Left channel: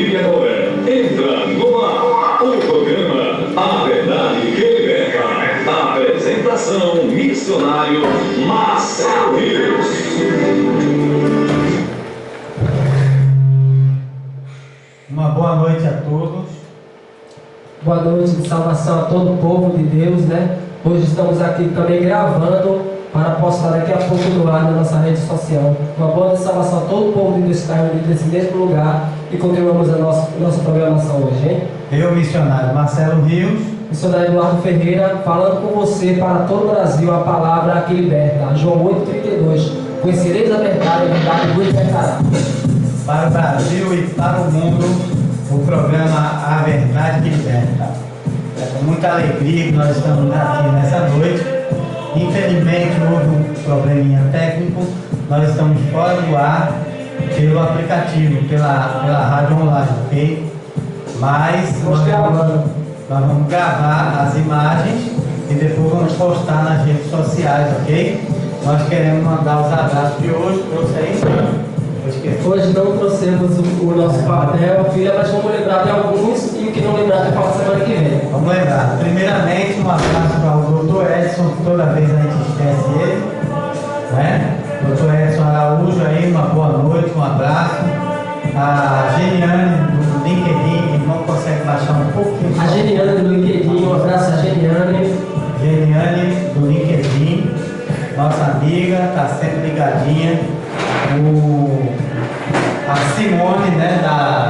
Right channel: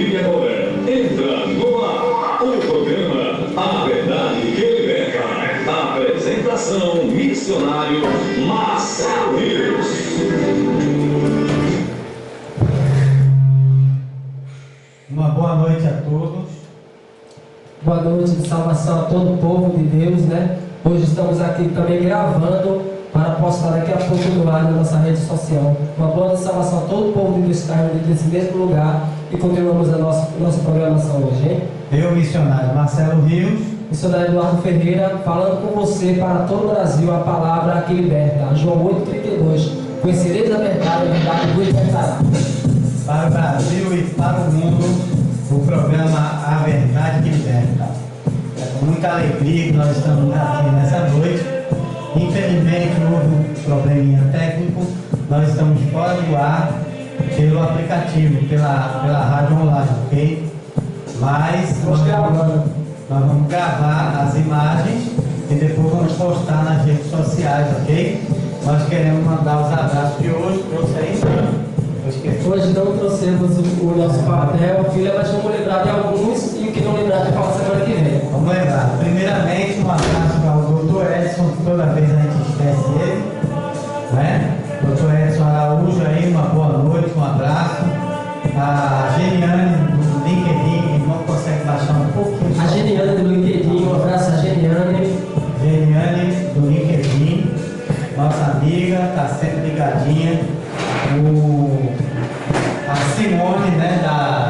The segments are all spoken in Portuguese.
E agora, entra no ar o programa A Verdade que Liberta. Apresentação: missionário Marcelo Rios. Uma boa noite a todos. Boa noite de salvação a todo o povo de Deus, né? Hoje estamos aqui também gravando para postar daqui a pouco no ar na nossa rede social. Uma boa noite de salvação a todo o povo de Deus que está reunido nesse mesmo lugar e continuamos a nossa programação hoje, hein? Eu, missionário Marcelo Rios. Missionário Eduardo Ferreira, falando com você para todo o Brasil a palavra que liberta. João 8,32. Conhecereis a verdade vos libertará. Para o Brasil e para o mundo, o programa A Verdade que Liberta. É com muita alegria que nós estamos aqui nessa noite. Infelizmente houve um probleminha técnico, nós estamos fora do ar pelo aplicativo, pela rádio online, ok? Mas nós vamos gravar as imagens e depois vamos postar nas redes sociais, ok? Nós queremos mandar os abraços de hoje para vocês. Hoje não trouxemos o nosso papel, filha, mas vamos lembrar de alguns e o que não lembrar de falar semana que vem. Vamos lembrar. Primeiramente, um abraço para o Dr. Edson, que toda vez a gente esquece ele, né? Dr. Edson Araújo aí, uma boa noite, um abraço. A Geniane do LinkedIn, que não consegue baixar um pouquinho. A Geniane do LinkedIn, um abraço a Geniane. Geniane do LinkedIn, nossa amiga, está sempre ligadinha. A Simone, né, da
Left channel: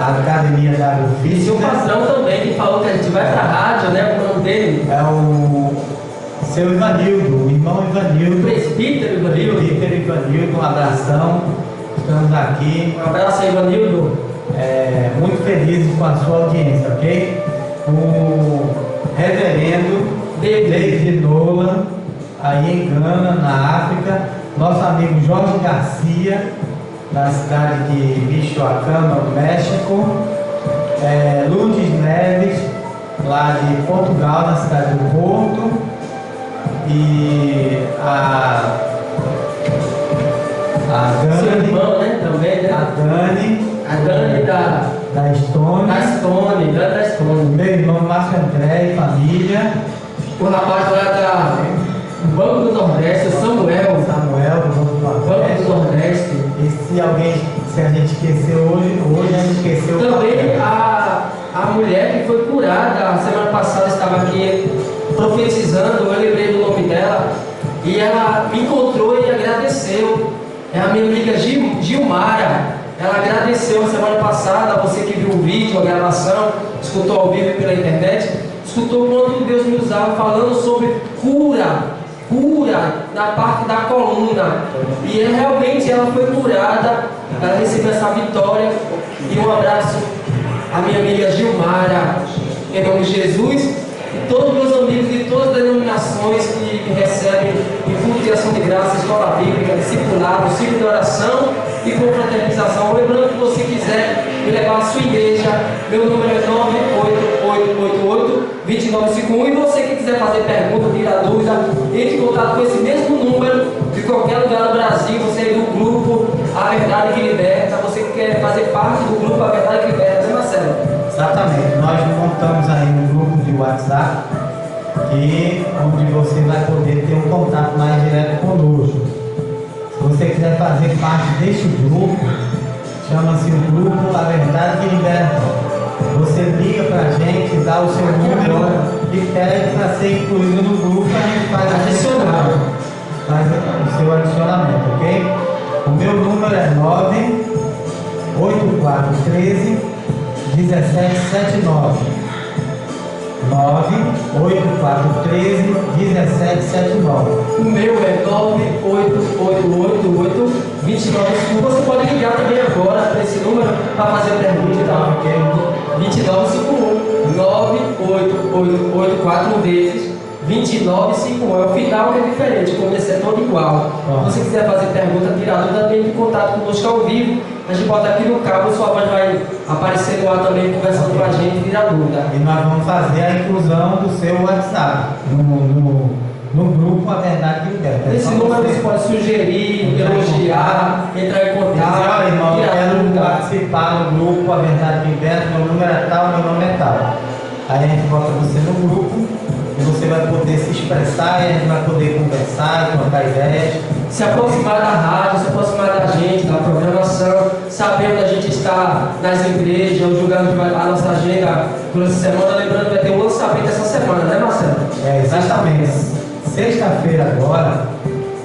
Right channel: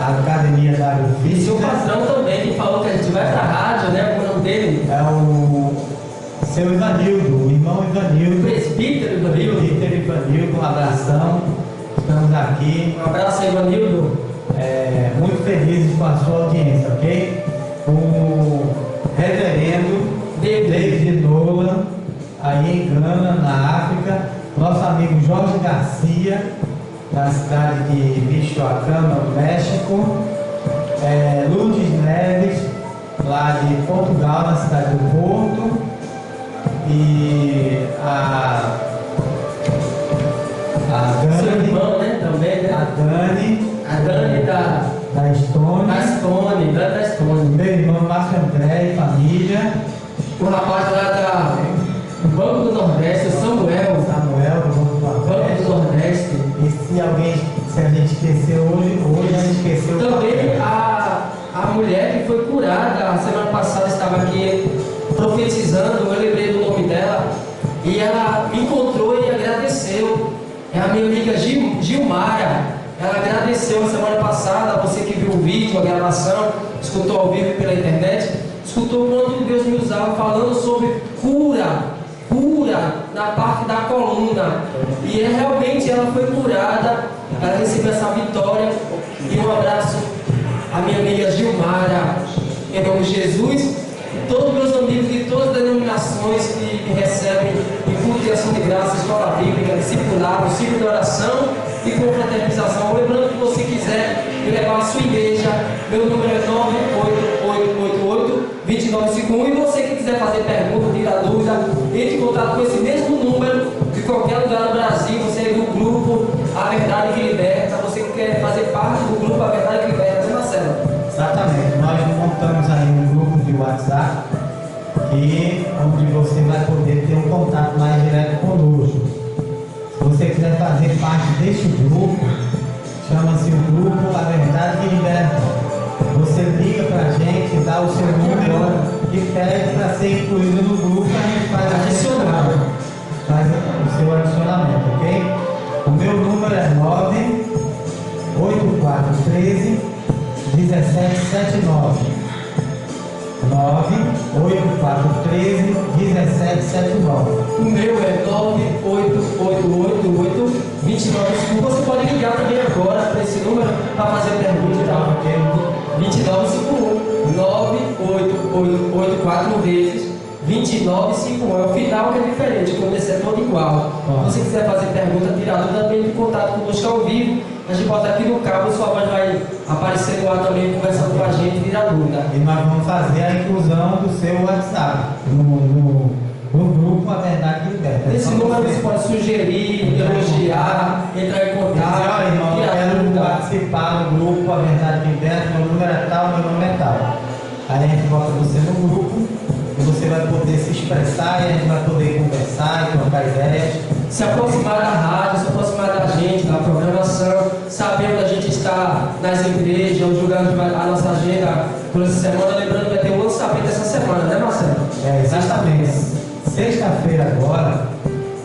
Academia da Agrofitness. E o patrão também, que falou que a gente vai para a rádio, né, o nome dele? É o seu Ivanildo, o irmão Ivanildo. Presbítero Ivanildo. Um abração. Estamos aqui. Um abraço aí, Ivanildo. Muito felizes com a sua audiência, ok? O reverendo David Nolan, aí em Gana, na África. Nosso amigo Jorge Garcia, da cidade de Michoacán, no México. Lourdes Neves, lá de Portugal, na cidade do Porto. E a Dani, seu irmão, né, também, né? A Dani da Estônia. Da Estônia. Meu irmão Márcio André e família. O rapaz lá do Banco do Nordeste, o Samuel do Banco do Nordeste. E se a gente esqueceu hoje a gente esqueceu também a mulher que foi curada a semana passada estava aqui profetizando, eu lembrei do nome dela e ela me encontrou e agradeceu. É a minha amiga Gilmara. Ela agradeceu a semana passada, você que viu o vídeo, a gravação, escutou ao vivo pela internet, escutou quando Deus me usava falando sobre cura na parte da coluna. E realmente ela foi curada, ela recebeu essa vitória. E um abraço à minha amiga Gilmara, em nome de Jesus, e todos meus amigos de todas as denominações que me recebem em culto de ação de graça, escola bíblica, discipulado, ciclo de oração e confraternização. Lembrando que você quiser me levar à sua igreja, meu número é 98888-2951. E você que quiser fazer pergunta, tirar dúvida, entre em contato com esse mesmo número de qualquer lugar do Brasil. Você é do grupo A Verdade que Liberta, você que quer fazer parte do grupo A Verdade que Liberta, né, Marcelo? Exatamente, nós montamos aí um grupo de WhatsApp onde você vai poder ter um contato mais direto conosco. Se você quiser fazer parte deste grupo, chama-se o grupo A Verdade que Liberta. Você liga pra gente, dá o seu número e pede para ser incluído no grupo, a gente faz o seu adicionamento, ok? O meu número é 98413-1779. 98413-1779. O meu é 98888-2951. Você pode ligar também agora para esse número para fazer pergunta e tal. 2951. 98884 vezes 2951. É o final que é diferente, o começo é todo igual. Se você quiser fazer pergunta, tirar dúvida, entre em contato conosco ao vivo. A gente bota aqui no cabo, sua voz vai aparecer no ar também, conversando com a gente, tirar dúvida. E nós vamos fazer a inclusão do seu WhatsApp no grupo A Verdade que Liberta. Nesse número você pode sugerir, elogiar, entrar em contato, tirar dúvida. participar no grupo A Verdade Liberta, meu número é tal, meu nome é tal. Aí a gente bota você no grupo e você vai poder se expressar e a gente vai poder conversar e trocar ideias. Se aproximar da rádio, se aproximar da gente, da programação, saber onde a gente está nas igrejas, onde julgando a nossa agenda por essa semana. Lembrando que vai ter um lançamento essa semana, né, Marcelo? Exatamente. Sexta-feira agora,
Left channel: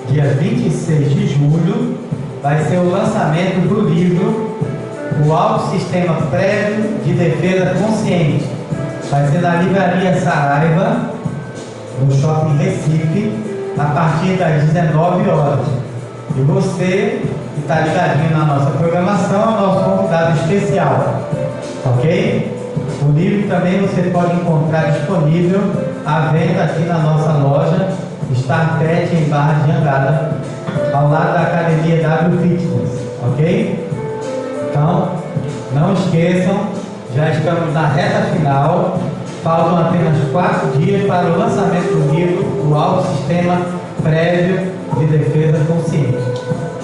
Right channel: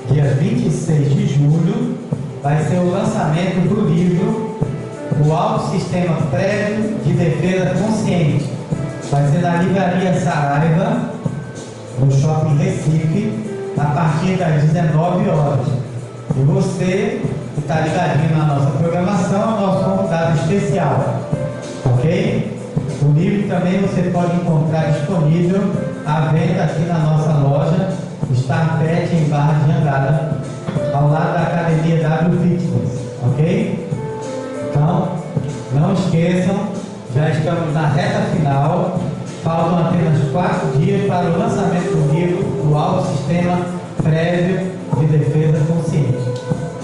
dia 26 de julho, vai ser o lançamento do livro O Alto Sistema Prévio de Defesa Consciente. Vai ser na Livraria Saraiva, no Shopping Recife, a partir das 19 horas. E você que está ligadinho na nossa programação é o nosso convidado especial, ok? O livro também você pode encontrar disponível à venda aqui na nossa loja Star Pet em Barra de Jangada, ao lado da Academia W Fitness, ok? Então, não esqueçam, já estamos na reta final, faltam apenas 4 dias para o lançamento do livro O Alto Sistema Prévio de Defesa Consciente.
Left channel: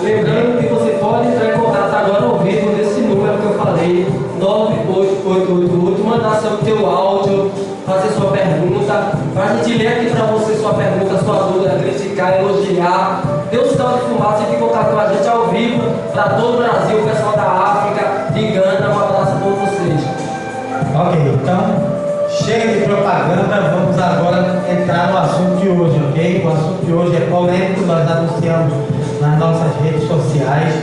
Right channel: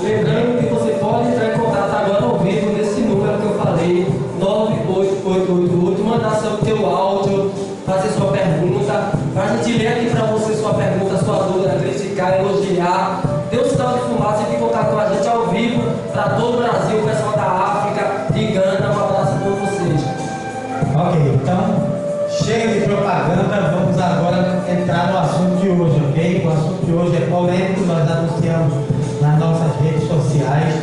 Lembrando que você pode entrar em contato agora ao vivo nesse número que eu falei, 98888, mandar seu teu áudio, fazer sua pergunta, para a gente ler aqui para você sua pergunta, sua dúvida, criticar, elogiar. Dê um sinal de fumaça e fique em contato com a gente ao vivo para todo o Brasil, o pessoal da África, de Gana. Um abraço a todos vocês. Ok, então, chega de propaganda, vamos agora entrar no assunto de hoje, ok? O assunto de hoje é polêmico, nós anunciamos nas nossas redes sociais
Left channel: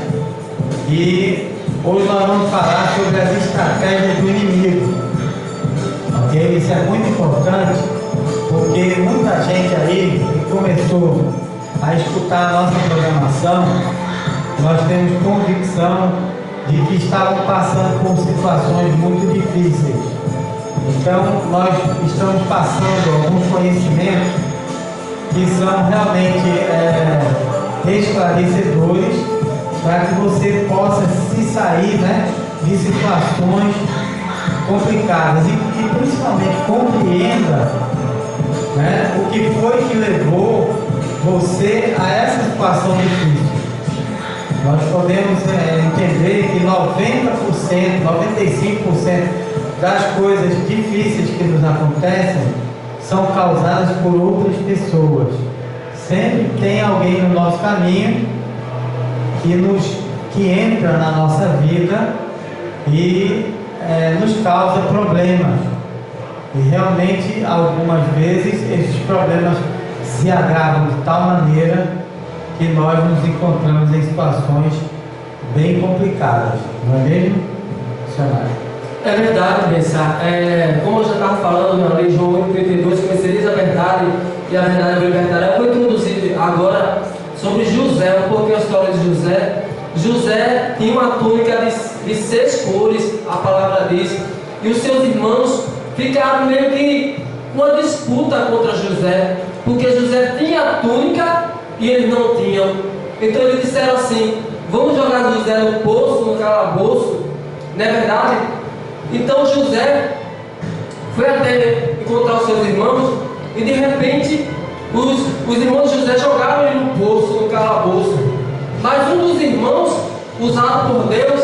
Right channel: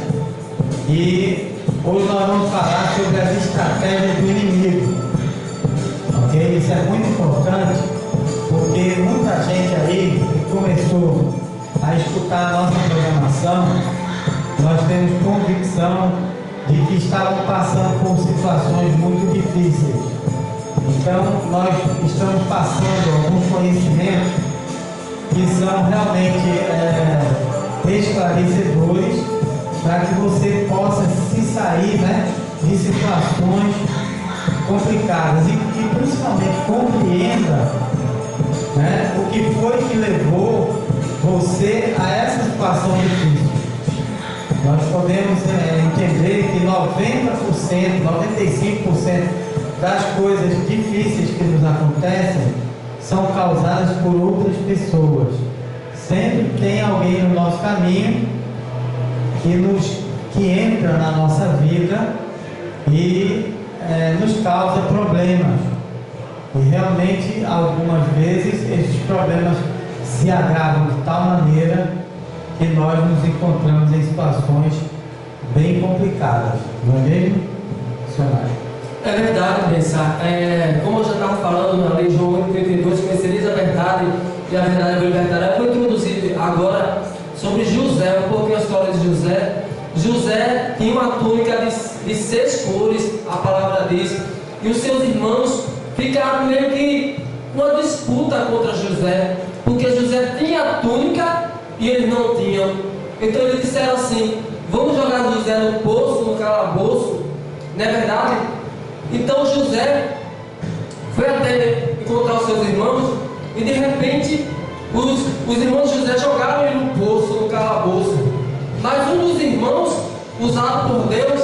e hoje nós vamos falar sobre as estratégias do inimigo, ok? Isso é muito importante porque muita gente aí que começou a escutar a nossa programação, nós temos convicção de que estavam passando por situações muito difíceis. Então, nós estamos passando alguns conhecimentos que são realmente esclarecedores para que você possa se sair, né, de situações complicadas e principalmente compreenda, né, o que foi que levou você a essa situação difícil. Nós podemos entender que 90%, 95% das coisas difíceis que nos acontecem são causadas por outras pessoas. Sempre tem alguém no nosso caminho que entra na nossa vida e nos causa problemas. E realmente, algumas vezes, esses problemas se agravam de tal maneira que nós nos encontramos em situações bem complicadas. Não é mesmo, missionário? É verdade, pensar. Como eu já estava falando na lei João 8:32, conhecereis a verdade e a verdade vai libertar. Eu vou introduzir agora sobre José, um pouquinho a história de José. José tinha uma túnica de 6 cores, a palavra diz, e os seus irmãos ficaram meio que uma disputa contra José, porque José tinha a túnica e eles não tinham. Então eles disseram assim: vamos jogar José no poço, no calabouço, não é verdade? Então José foi até encontrar os seus irmãos e de repente os irmãos de José jogaram ele no poço, no calabouço. Mas um dos irmãos, usado por Deus,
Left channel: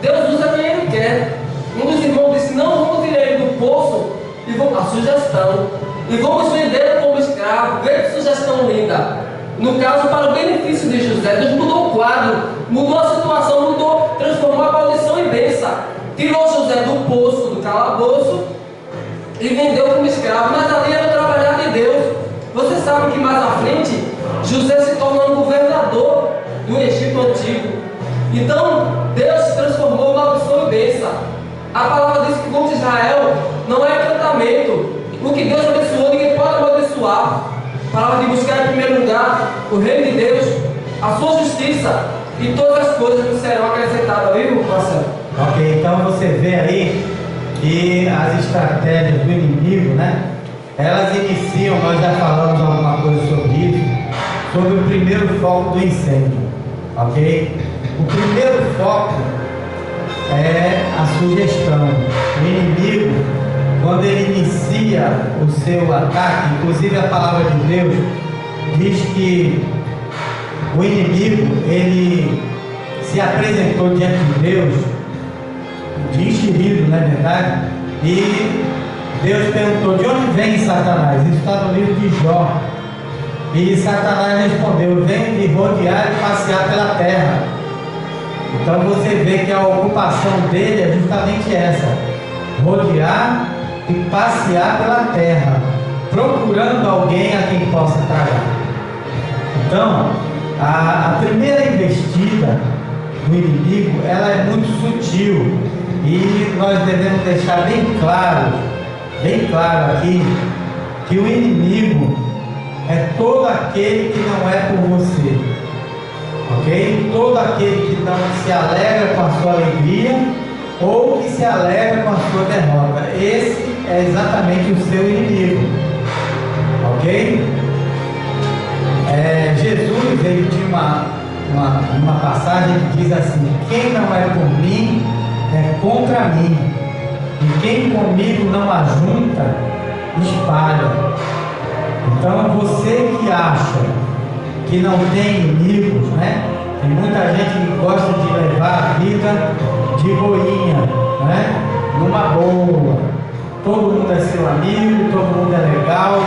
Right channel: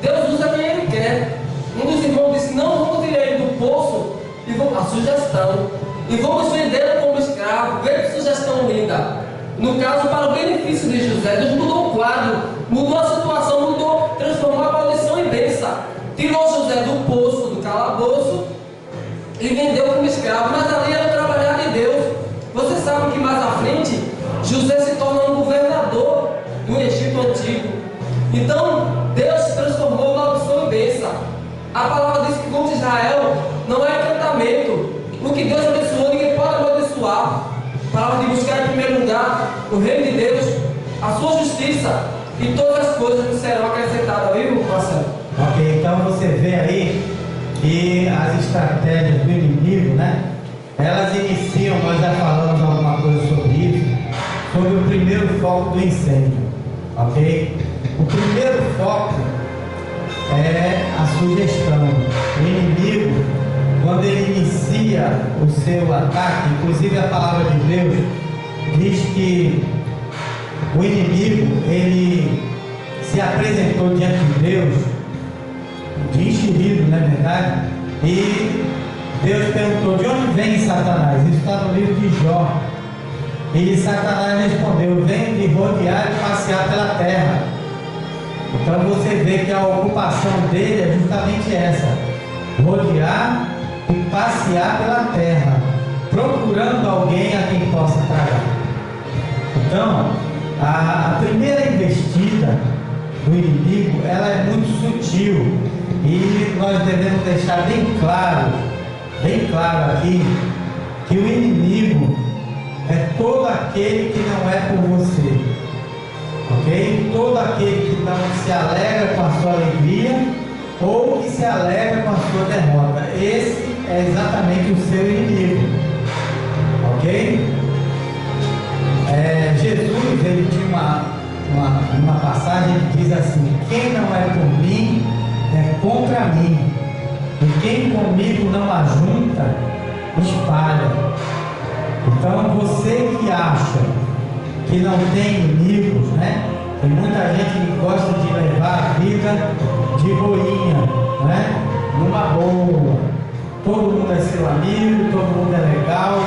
Deus usa quem ele quer. Um dos irmãos disse: não, vamos tirar ele do poço e vamos, a sugestão, e vamos vendê-lo como escravo. Veja que sugestão linda. No caso, para o benefício de José, Deus mudou o quadro, mudou a situação, mudou, transformou a maldição em bênção. Tirou José do poço, do calabouço e vendeu como escravo, mas ali era o trabalhar de Deus. Você sabe que mais à frente José se torna um governador do Egito Antigo. Então Deus transformou maldição em bênção. A palavra diz que como Israel não é encantamento. O que Deus abençoou, ninguém pode abençoar. A palavra de buscar em primeiro lugar o reino de Deus, a sua justiça, e todas as coisas que serão acrescentadas, viu, Marcelo? Ok, então você vê aí que as estratégias do inimigo, né? Elas iniciam, nós já falamos alguma coisa sobre isso, sobre o primeiro foco do incêndio, ok? O primeiro foco é a sugestão. O inimigo, quando ele inicia o seu ataque, inclusive a palavra de Deus diz que o inimigo, ele se apresentou diante de Deus de enxerido, não é verdade? E Deus perguntou: de onde vem Satanás? Isso está no livro de Jó. E Satanás respondeu: venho de rodear e passear pela terra. Então você vê que a ocupação dele é justamente essa: rodear e passear pela terra, procurando alguém a quem possa tragar. Então, a primeira investida do inimigo, ela é muito sutil, e nós devemos deixar bem claro aqui, que o inimigo é todo aquele que não é por você, ok? Todo aquele que não se alegra com a sua alegria ou que se alegra com a sua derrota. Esse é exatamente o seu inimigo, ok? Jesus, ele tinha uma passagem que diz assim: quem não é por mim é contra mim, e quem comigo não ajunta, espalha. Então você que acha que não tem inimigos, né? Tem muita gente que gosta de levar a vida de boinha, né? Numa boa. Todo mundo é seu amigo, todo mundo é legal.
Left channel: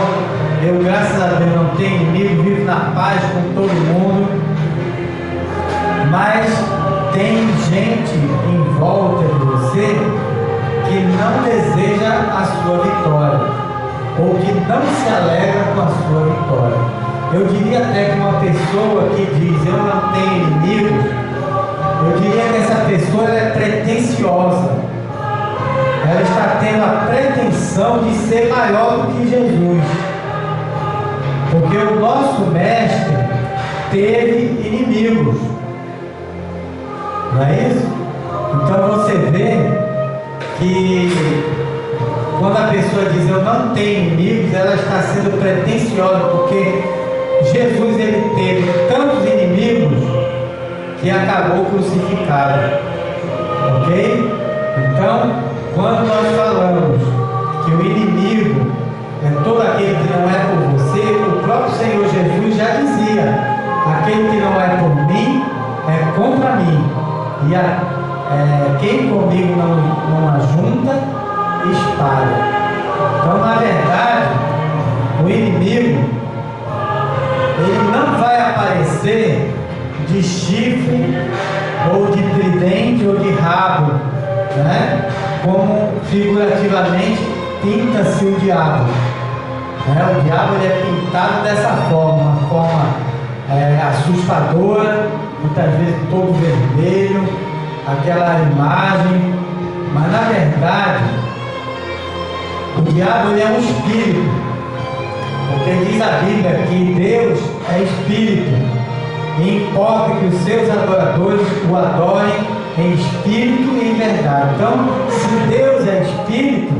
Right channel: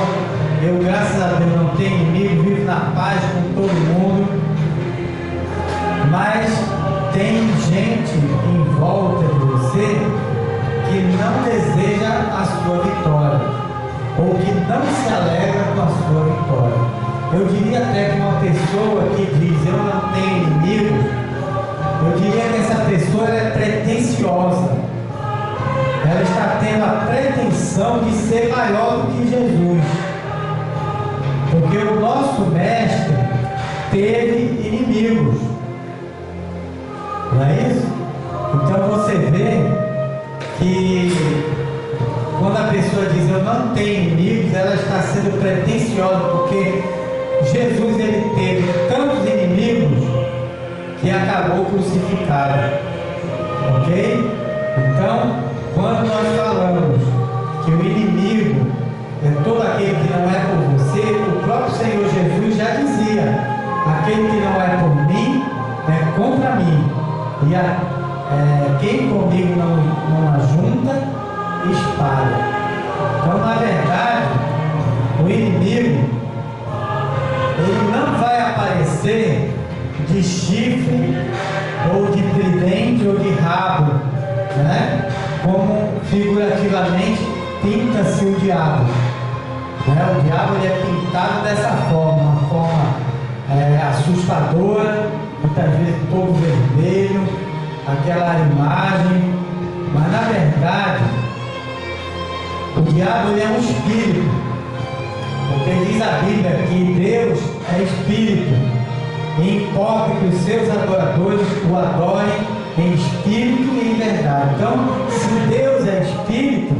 Eu, graças a Deus, não tenho inimigo, vivo na paz com todo mundo. Mas tem gente em volta de você que não deseja a sua vitória, ou que não se alegra com a sua vitória. Eu diria até que uma pessoa que diz eu não tenho inimigos, eu diria que essa pessoa é pretensiosa. Ela está tendo a pretensão de ser maior do que Jesus. Porque o nosso mestre teve inimigos, não é isso? Então você vê que quando a pessoa diz eu não tenho inimigos, ela está sendo pretensiosa, porque Jesus, ele teve tantos inimigos que acabou crucificado, ok? Então, quando nós falamos que o inimigo é todo aquele que não é por você, o próprio Senhor Jesus já dizia: aquele que não é por mim é contra mim, e quem comigo não ajunta, espalha. Então, na verdade, o inimigo, ele não vai aparecer de chifre, ou de tridente, ou de rabo, né? Como figurativamente pinta-se o diabo. O diabo, ele é pintado dessa forma, uma forma assustadora, muitas vezes todo vermelho, aquela imagem. Mas na verdade, o diabo, ele é um espírito, porque diz a Bíblia que Deus é espírito, e importa que os seus adoradores o adorem em espírito e em verdade. Então, se Deus é espírito,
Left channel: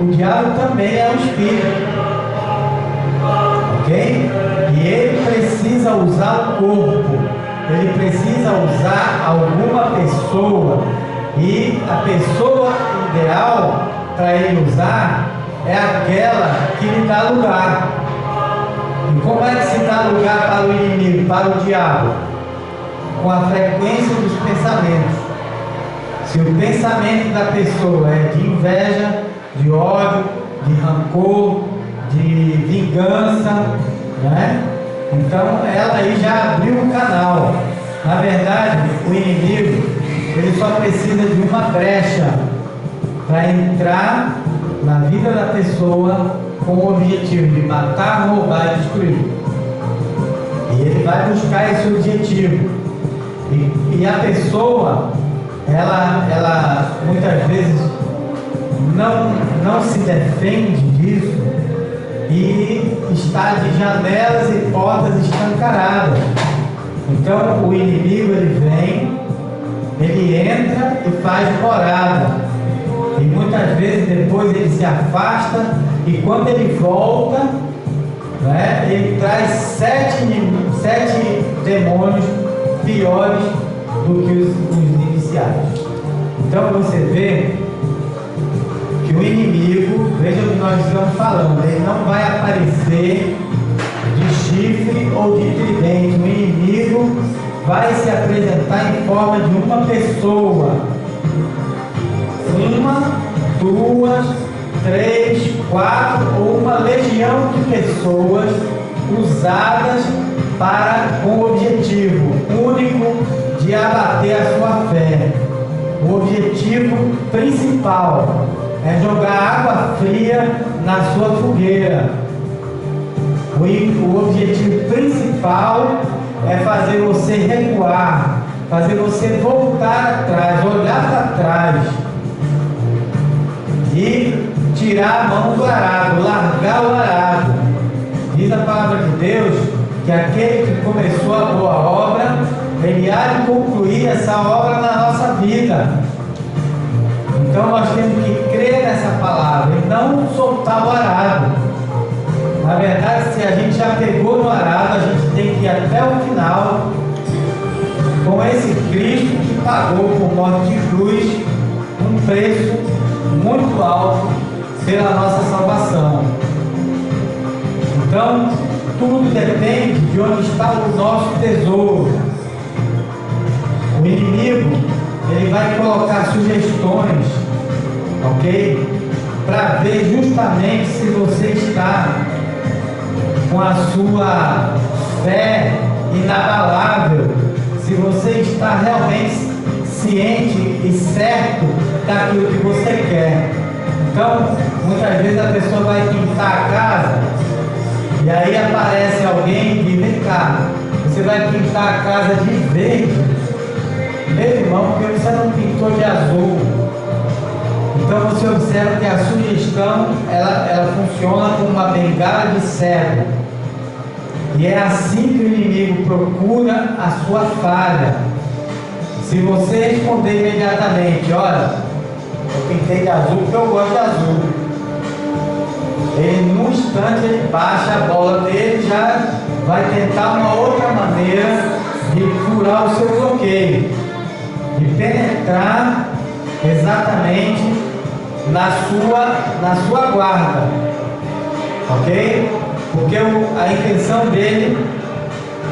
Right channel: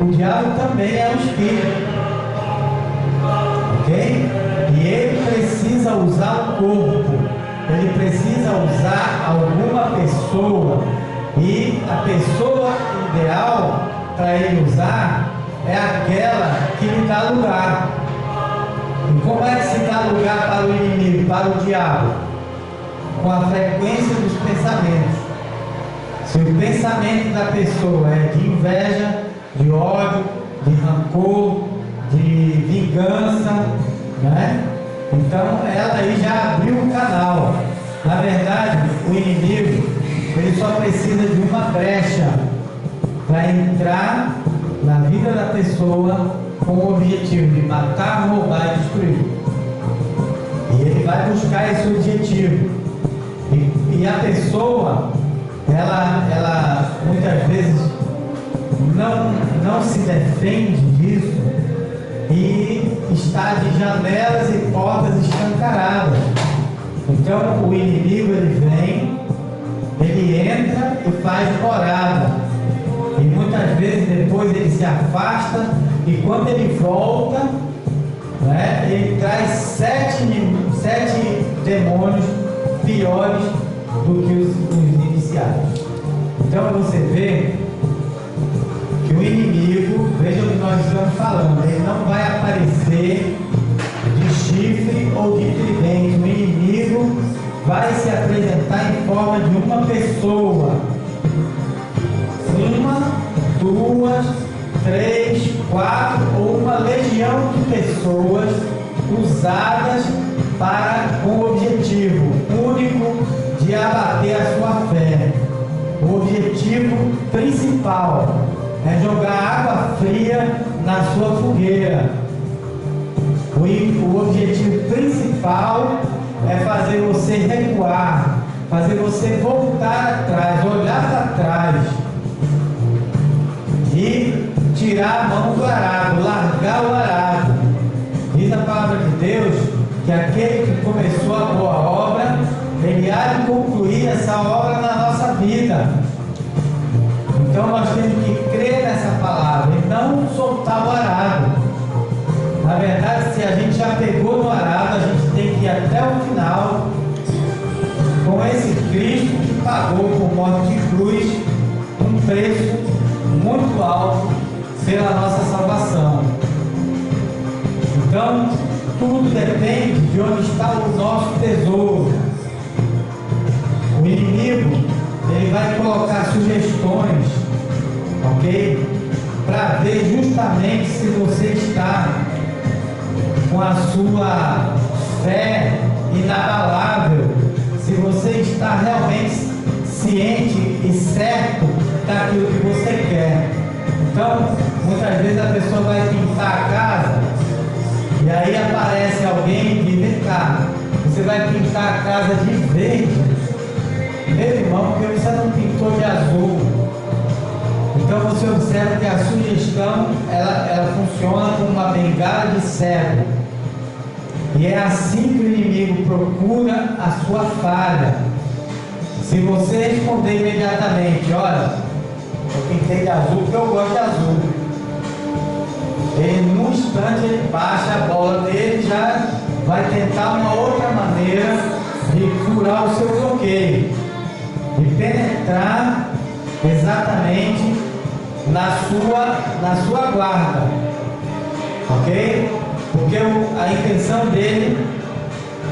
o diabo também é um espírito, ok? E ele precisa usar o corpo, ele precisa usar alguma pessoa, e a pessoa ideal para ele usar é aquela que lhe dá lugar. E como é que se dá lugar para o inimigo, para o diabo? Com a frequência dos pensamentos. Se o pensamento da pessoa é de inveja, de ódio, de rancor, de vingança, né? Então ela aí já abriu o canal. Na verdade, o inimigo, ele só precisa de uma brecha para entrar na vida da pessoa com o objetivo de matar, roubar e destruir. E ele vai buscar esse objetivo. E a pessoa, ela muitas vezes não se defende disso e está de janelas e portas escancaradas. Então o inimigo, ele vem, ele entra e faz morada, e muitas vezes depois ele se afasta, e quando ele volta, né, ele traz sete demônios piores do que os iniciais. Então você vê que o inimigo, veja o que nós estamos falando, ele não vai aparecer de chifre ou de tridente. O inimigo vai se apresentar em forma de uma pessoa, uma, duas, três, quatro ou uma legião de pessoas usadas com o objetivo único de abater a sua fé. O objetivo principal é jogar água fria na sua fogueira. O objetivo principal é fazer você recuar, fazer você voltar atrás, olhar para trás e tirar a mão do arado, largar o arado. Diz a palavra de Deus que aquele que começou a boa obra, ele há de concluir essa obra na nossa vida. Então nós temos que crer nessa palavra e não soltar o arado. Na verdade, se a gente já pegou no arado, a gente tem que ir até o final com esse Cristo que pagou por morte de cruz um preço muito alto pela nossa salvação. Então, tudo depende de onde está o nosso tesouro. O inimigo, ele vai colocar sugestões, ok? Para ver justamente se você está com a sua fé inabalável, se você está realmente ciente e certo daquilo que você quer. Então, muitas vezes a pessoa vai pintar a casa e aí aparece alguém e diz: vem cá, você vai pintar a casa de verde? Meu irmão, porque você não pintou de azul? Então você observa que a sugestão ela funciona como uma bengala de cego. E é assim que o inimigo procura a sua falha. Se você responder imediatamente: olha, eu pintei de azul porque eu gosto de azul, ele num instante ele baixa a bola dele, já vai tentar uma outra maneira de furar o seu bloqueio, de penetrar exatamente na sua guarda, ok? Porque a intenção dele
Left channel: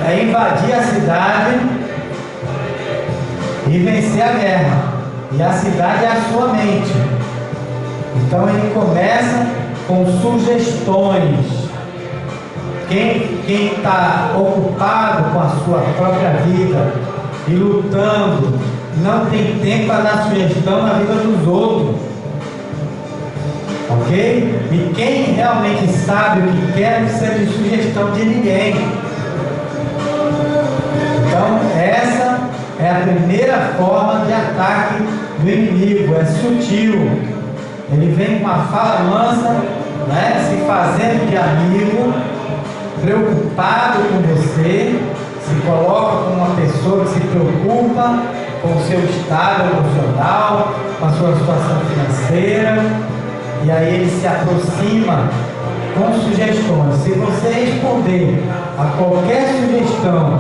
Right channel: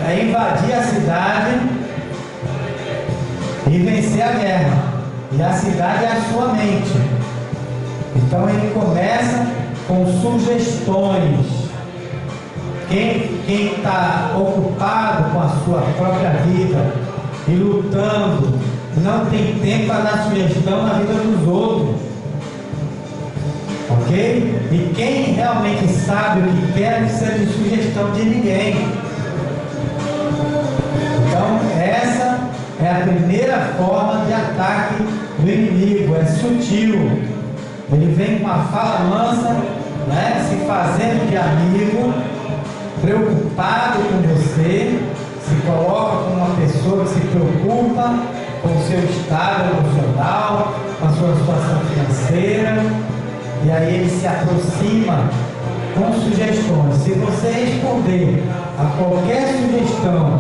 é invadir a cidade e vencer a guerra. E a cidade é a sua mente. Então ele começa com sugestões. Quem está ocupado com a sua própria vida e lutando, não tem tempo para dar sugestão na vida dos outros. Ok? E quem realmente sabe o que quer, não precisa de sugestão de ninguém. Então, essa é a primeira forma de ataque do inimigo, é sutil. Ele vem com uma fala mansa, né, se fazendo de amigo, preocupado com você, se coloca como uma pessoa que se preocupa com o seu estado emocional, com a sua situação financeira, e aí ele se aproxima com sugestões. Se você responder a qualquer sugestão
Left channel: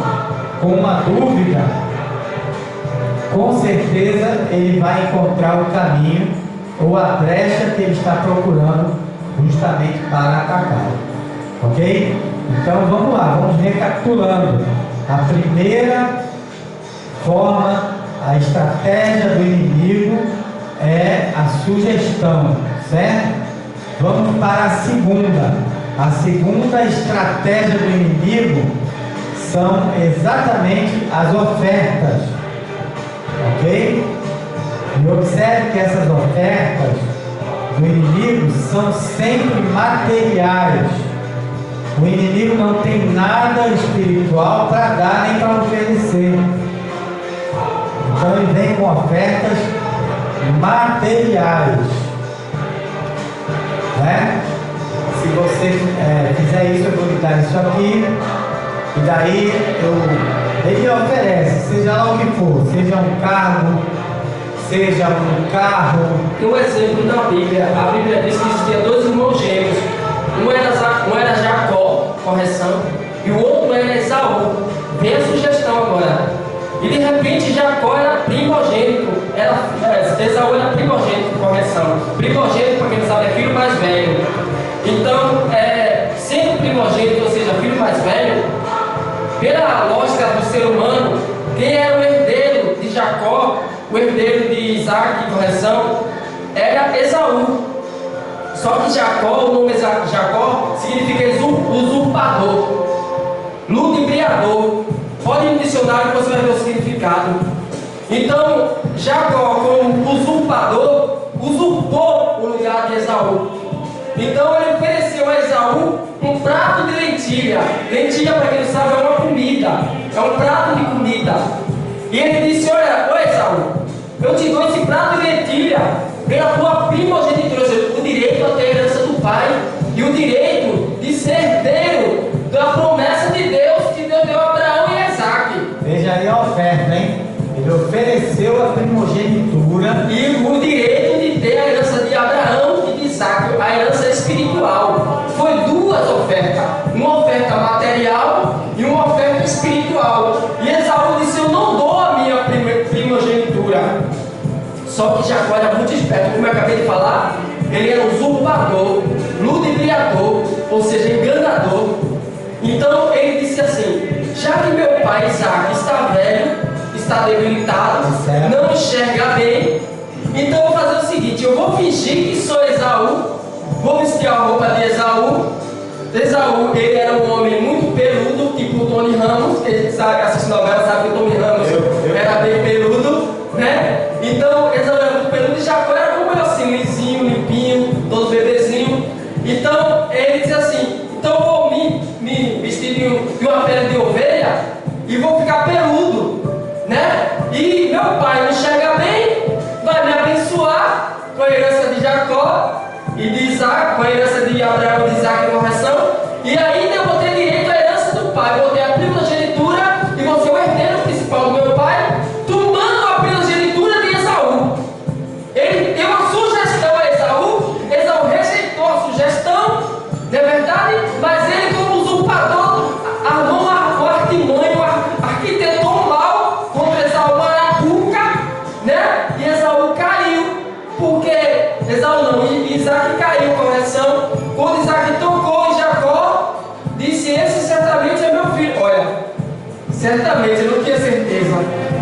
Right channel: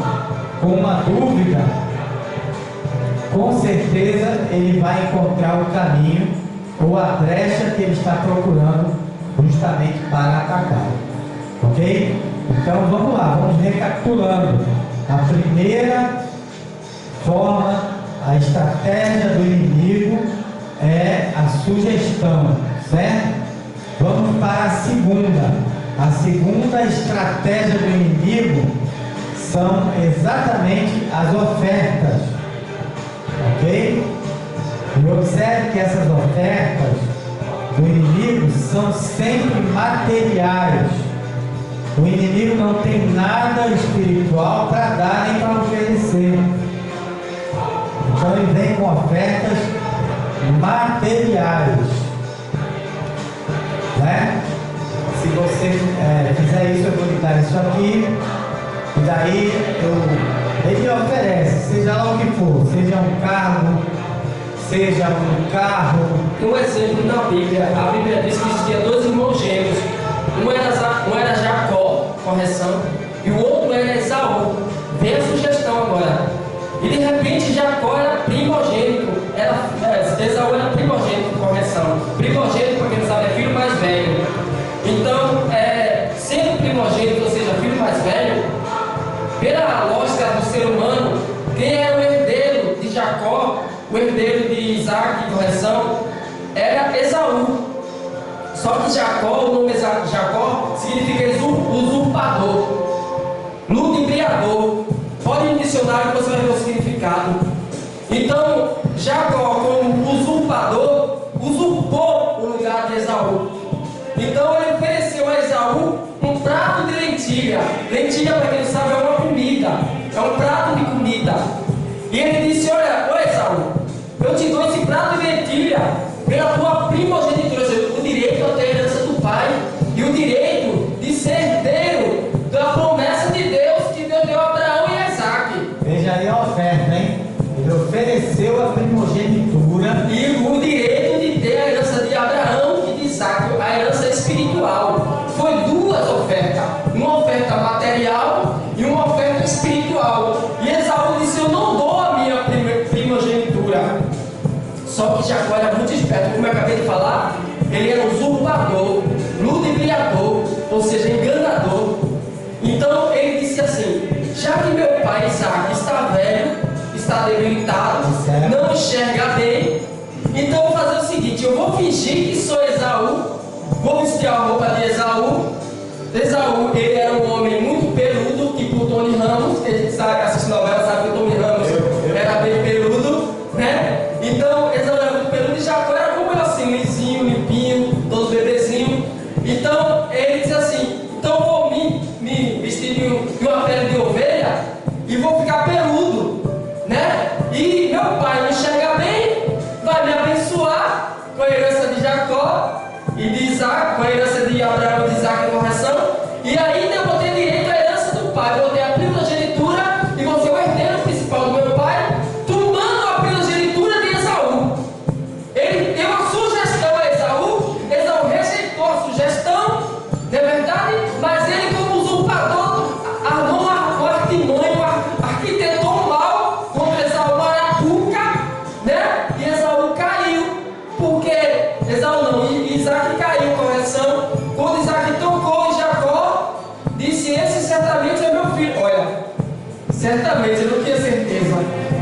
com uma dúvida, com certeza ele vai encontrar o caminho ou a brecha que ele está procurando justamente para atacar. Ok? Então vamos lá, vamos recapitulando. A primeira forma, a estratégia do inimigo é a sugestão, certo? Vamos para a segunda. A segunda estratégia do inimigo são exatamente as ofertas, ok? E observe que essas ofertas do inimigo são sempre materiais. O inimigo não tem nada espiritual para dar nem para oferecer. Então ele vem com ofertas materiais, né? Se você fizer isso, eu vou lhe dar isso aqui, e daí ele oferece, seja lá o que for, seja um cargo, seja um carro. Tem um exemplo na Bíblia. A Bíblia diz que existia dois irmãos gêmeos. Um era Jacó, correção, e o outro era Esaú. Vem a sugestão agora. E de repente Jacó era primogênito, Esaú era primogênito, correção. Primogênito, para quem não sabe, é filho mais velho. Então, sendo primogênito, ou seja, filho mais velho, pela lógica do ser humano, quem era o herdeiro de Jacó, o herdeiro de Isaac, correção, era Esaú. Só que Jacó, o nome Jacó significa usurpador, ludibriador. Pode ir no dicionário que você vai ver o significado. Então, Jacó, como usurpador, usurpou o lugar de Esaú. Então, ele ofereceu a Esaú um prato de lentilha. Lentilha, para quem não sabe, é uma comida, é um prato de comida. E ele disse: olha, ô Esaú, eu te dou esse prato de lentilha pela tua primogenitura, ou seja, o direito a ter a herança do pai e o direito de ser herdeiro da promessa de Deus que Deus deu a Abraão e Isaac. Veja aí a oferta, hein? Ele ofereceu a primogenitura E o direito de ter a herança de Abraão e de Isaac, a herança espiritual. Foi duas ofertas, uma oferta material e uma oferta espiritual. E Esaú disse: eu não dou a minha primogenitura. Só que Jacó era muito esperto, como eu acabei de falar, ele era usurpador, ludibriador, ou seja, enganador. Então ele disse assim: já que meu pai Isaac está velho, está debilitado, não enxerga bem, então eu vou fazer o seguinte: eu vou fingir que sou Esaú, vou vestir a roupa de Esaú. Esaú, ele era um homem muito peludo, tipo o Tony Ramos, quem sabe, assiste novela sabe que o Tony Ramos era bem peludo, né? Então Esaú era muito peludo e Jacó era como eu, assim, lisinho, limpinho, todo bebezinho. Então ele diz assim: então eu vou me vestir de uma pele de ovelha e vou ficar peludo, né? E meu pai não enxerga bem, vai me abençoar com a herança de Jacó e de Isaac, com a herança de Abraão e de Isaac em correção, e ainda eu vou ter direito à herança do pai, vou ter a primogenitura e vou ser o herdeiro principal do meu pai, tomando a primogenitura de Esaú. Ele deu uma sugestão a Esaú, Esaú rejeitou a sugestão, não é verdade? Mas ele, como usurpador, armou uma artimanha, arquitetou um mal contra Esaú, uma arapuca, né? E Esaú caiu, porque Esaú não, Isaac caiu, correção. Quando Isaac tocou em Jacó, disse: esse certamente é meu filho. Olha, certamente, eu não tinha certeza.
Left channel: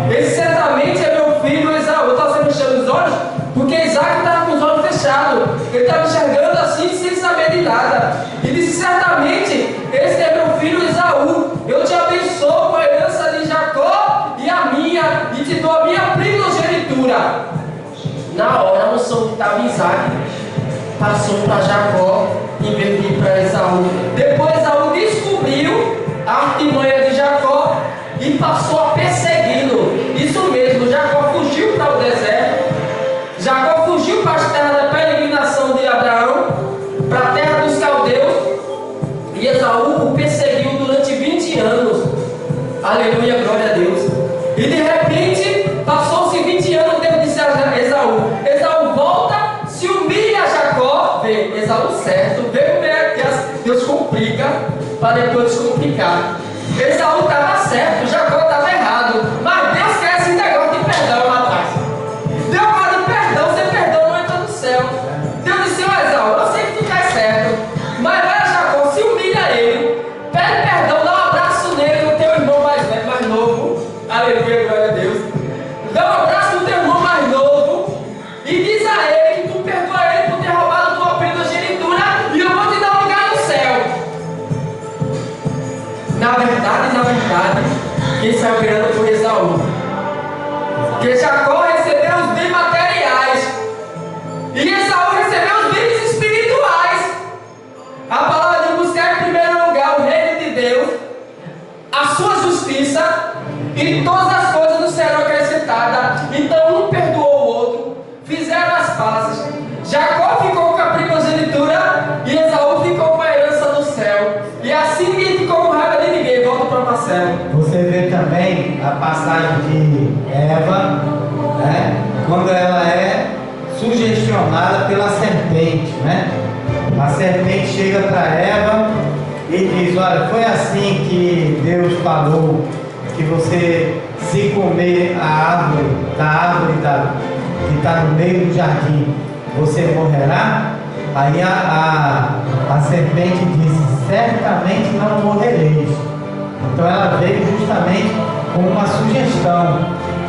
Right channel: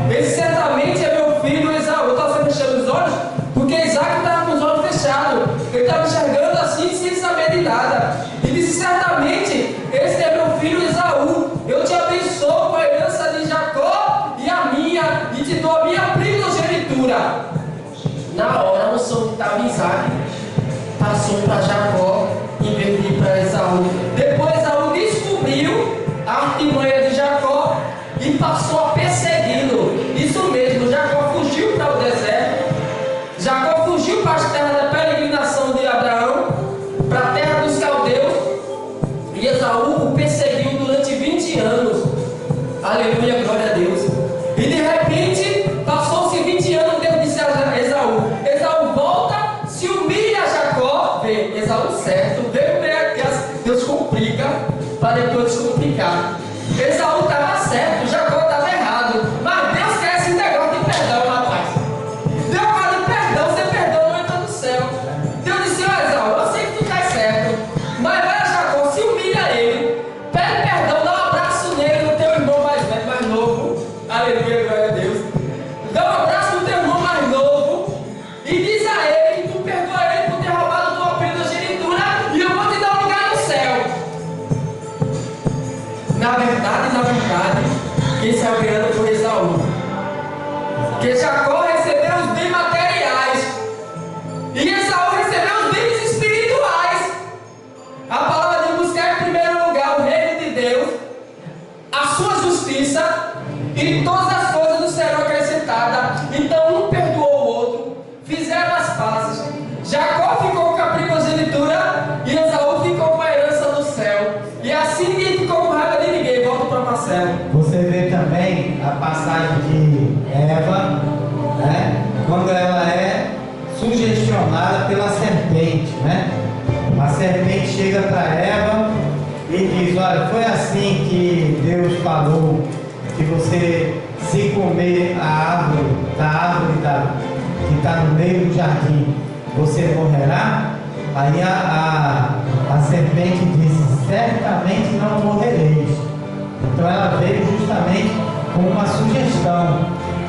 Esse certamente é meu filho Esaú. Eu estava sempre fechando os olhos, porque Isaac estava com os olhos fechados. Ele estava enxergando assim, sem saber de nada. E disse: certamente, esse é meu filho Esaú. Eu te abençoo com a herança de Jacó e a minha, e te dou a minha primogenitura. Na hora, a unção que estava em Isaac passou para Jacó em vez de ir para Esaú. Depois Esaú descobriu a artimanha de Jacó e passou a persegui-lo. Isso mesmo, Jacó fugiu para o deserto. Jacó fugiu para a terra da peregrinação de Abraão, para a terra dos caldeus. E Esaú o perseguiu durante 20 anos. Aleluia, glória a Deus. E de repente, passou-se 20 anos, Deus disse a Esaú: Esaú volta, se humilha a Jacó. Vê, Esaú certo, vê como é que Deus complica para depois descomplicar. Esaú estava certo, Jacó estava errado, mas Deus quer esse negócio de perdão, rapaz. Deus fala de perdão, sem perdão não entra no céu. Deus disse: ó Esaú, eu sei que tu está certo, mas vai a Jacó, se humilha ele, pede perdão, dá um abraço nele, no teu irmão mais velho, mais novo. Aleluia, glória a Deus. Dá um abraço no teu irmão mais novo e diz a ele que tu perdoa ele por ter roubado tua primogenitura e eu vou te dar um lugar no céu. Na verdade, quem saiu ganhando foi Esaú. Porque Jacó recebeu os bens materiais e Esaú recebeu os bens espirituais. A palavra de buscar em primeiro lugar o reino de Deus, a sua justiça, e todas as coisas nos serão acrescentadas. Então um perdoou o outro, fizeram as pazes. Jacó ficou com a primogenitura e Esaú ficou com a herança do céu. E assim ninguém ficou com raiva de ninguém. Volta para Marcelo. Você vê também a passagem de Eva, né? Quando ela é sugestionada pela serpente, né? A serpente chega para Eva e diz: olha, foi assim que Deus falou que você, se comer a árvore que está no meio do jardim, você morrerá? Aí a serpente disse: certamente não morrereis. Então ela veio justamente com uma sugestão.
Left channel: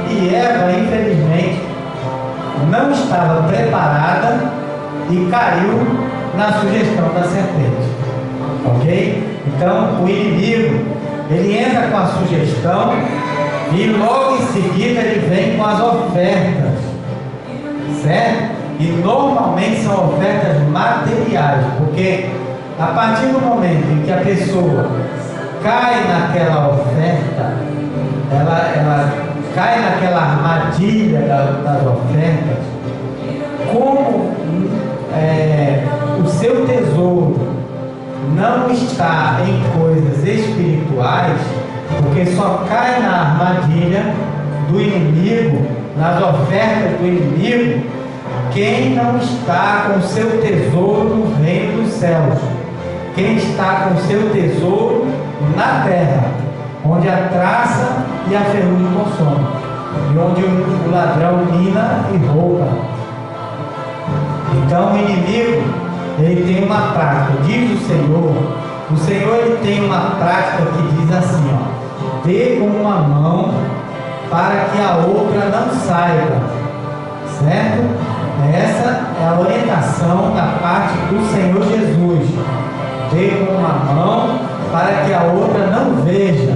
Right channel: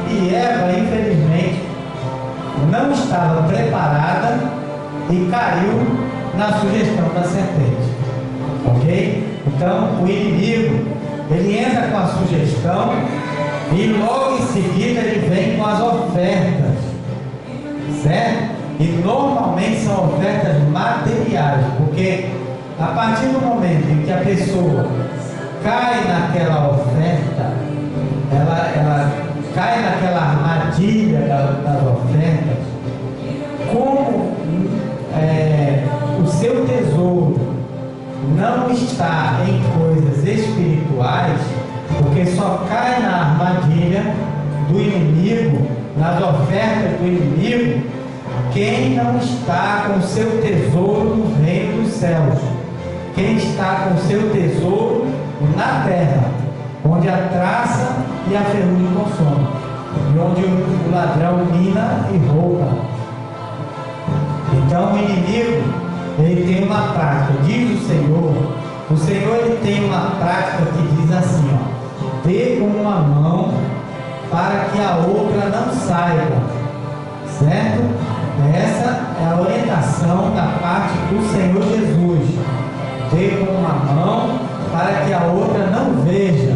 E Eva, infelizmente, não estava preparada e caiu na sugestão da serpente. Ok? Então o inimigo, ele entra com a sugestão e logo em seguida ele vem com as ofertas, certo? E normalmente são ofertas materiais, porque a partir do momento em que a pessoa cai naquela oferta, ela cai naquela armadilha das ofertas, como o seu tesouro não está em coisas espirituais, porque só cai na armadilha do inimigo, nas ofertas do inimigo, quem não está com seu tesouro no reino dos céus, quem está com seu tesouro na terra, onde a traça e a ferrugem consomem, e onde o ladrão mina e rouba. Então o inimigo, ele tem uma prática, diz o Senhor ele tem uma prática que diz assim, ó: dê com uma mão para que a outra não saiba, certo? Essa é a orientação da parte do Senhor Jesus. Dê com uma mão para que a outra não veja.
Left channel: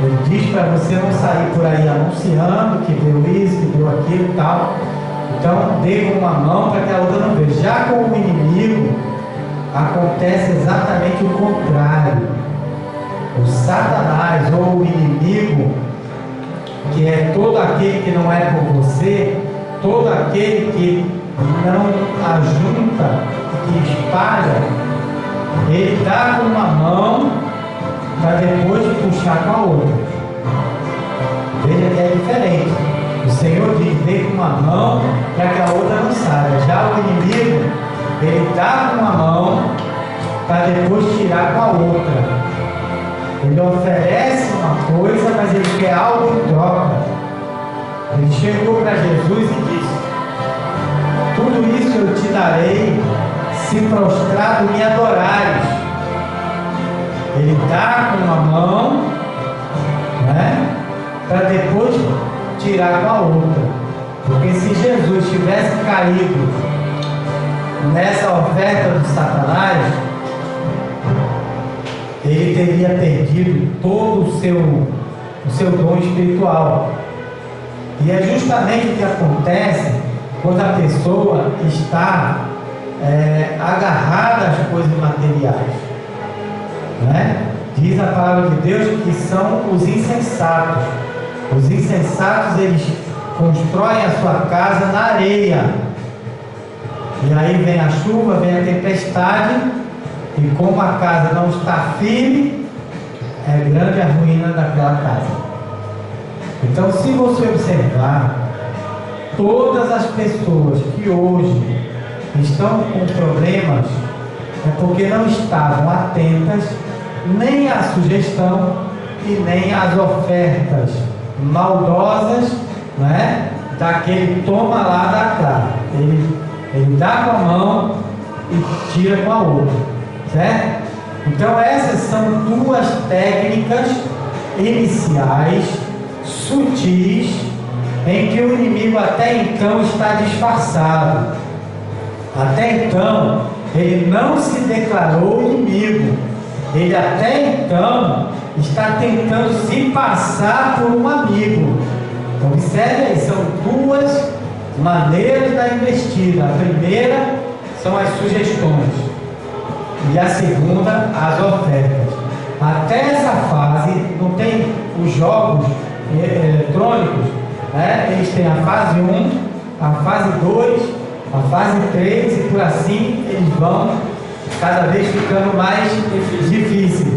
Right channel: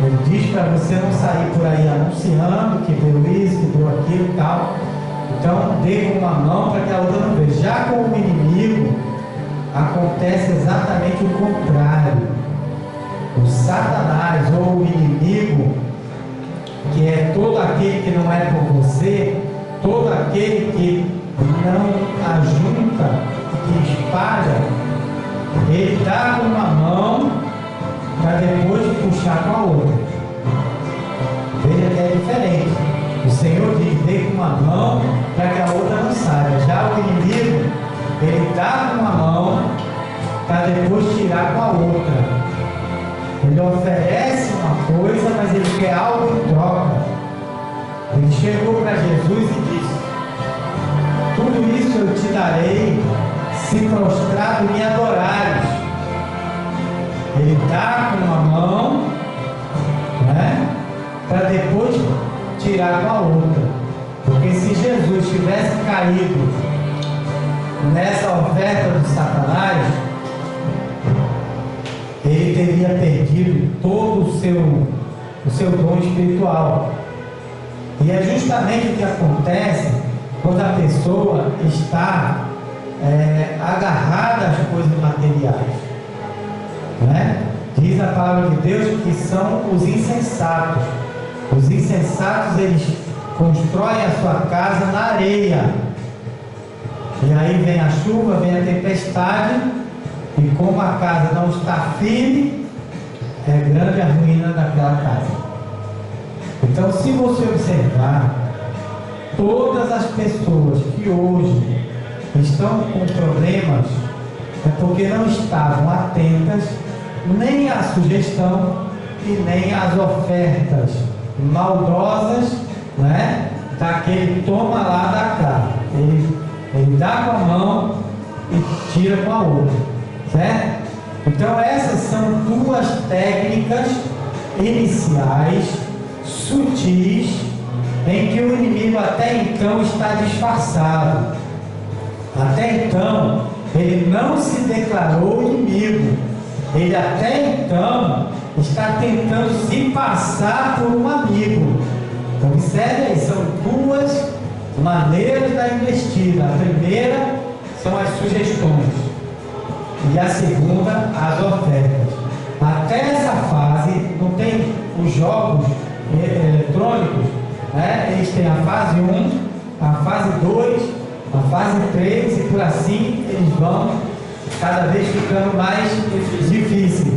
Ele diz para você não sair por aí anunciando que deu isso, que deu aquilo e tal. Então, dê com uma mão para que a outra não veja. Já com o inimigo, acontece exatamente o contrário. O Satanás, ou o inimigo, que é todo aquele que não é por você, todo aquele que não ajunta, que espalha, ele dá com uma mão para depois puxar com a outra. Veja que é diferente. O Senhor diz: dê com uma mão para que a outra não saia. Já o inimigo, ele dá com uma mão para depois tirar com a outra. Ele oferece uma coisa, mas ele quer algo em troca. Ele chegou para Jesus e disse: tudo isso eu te darei se prostrado me adorares. Ele dá com uma mão, né, para depois tirar com a outra. Porque se Jesus tivesse caído nessa oferta do Satanás, ele teria perdido todo o seu dom espiritual. E é justamente o que acontece quando a pessoa está agarrada às coisas materiais, né? Diz a palavra de Deus que são os insensatos. Os insensatos, eles constroem a sua casa na areia, e aí vem a chuva, vem a tempestade, e como a casa não está firme, é grande a ruína daquela casa. Então, se você observar, todas as pessoas que hoje estão com problemas é porque não estavam atentas nem à sugestão e nem às ofertas maldosas, né, daquele toma lá da cá. Ele dá com a mão e tira com a outra, certo? Então essas são duas técnicas iniciais, sutis, em que o inimigo até então está disfarçado. Até então ele não se declarou inimigo, ele até então está tentando se passar por um amigo. Então observe aí, são duas maneiras da investida. A primeira são as sugestões e a segunda as ofertas. Até essa fase não tem os jogos eletrônicos, né? Eles têm a fase 1, a fase 2, a fase 3 e por assim eles vão cada vez ficando mais difíceis,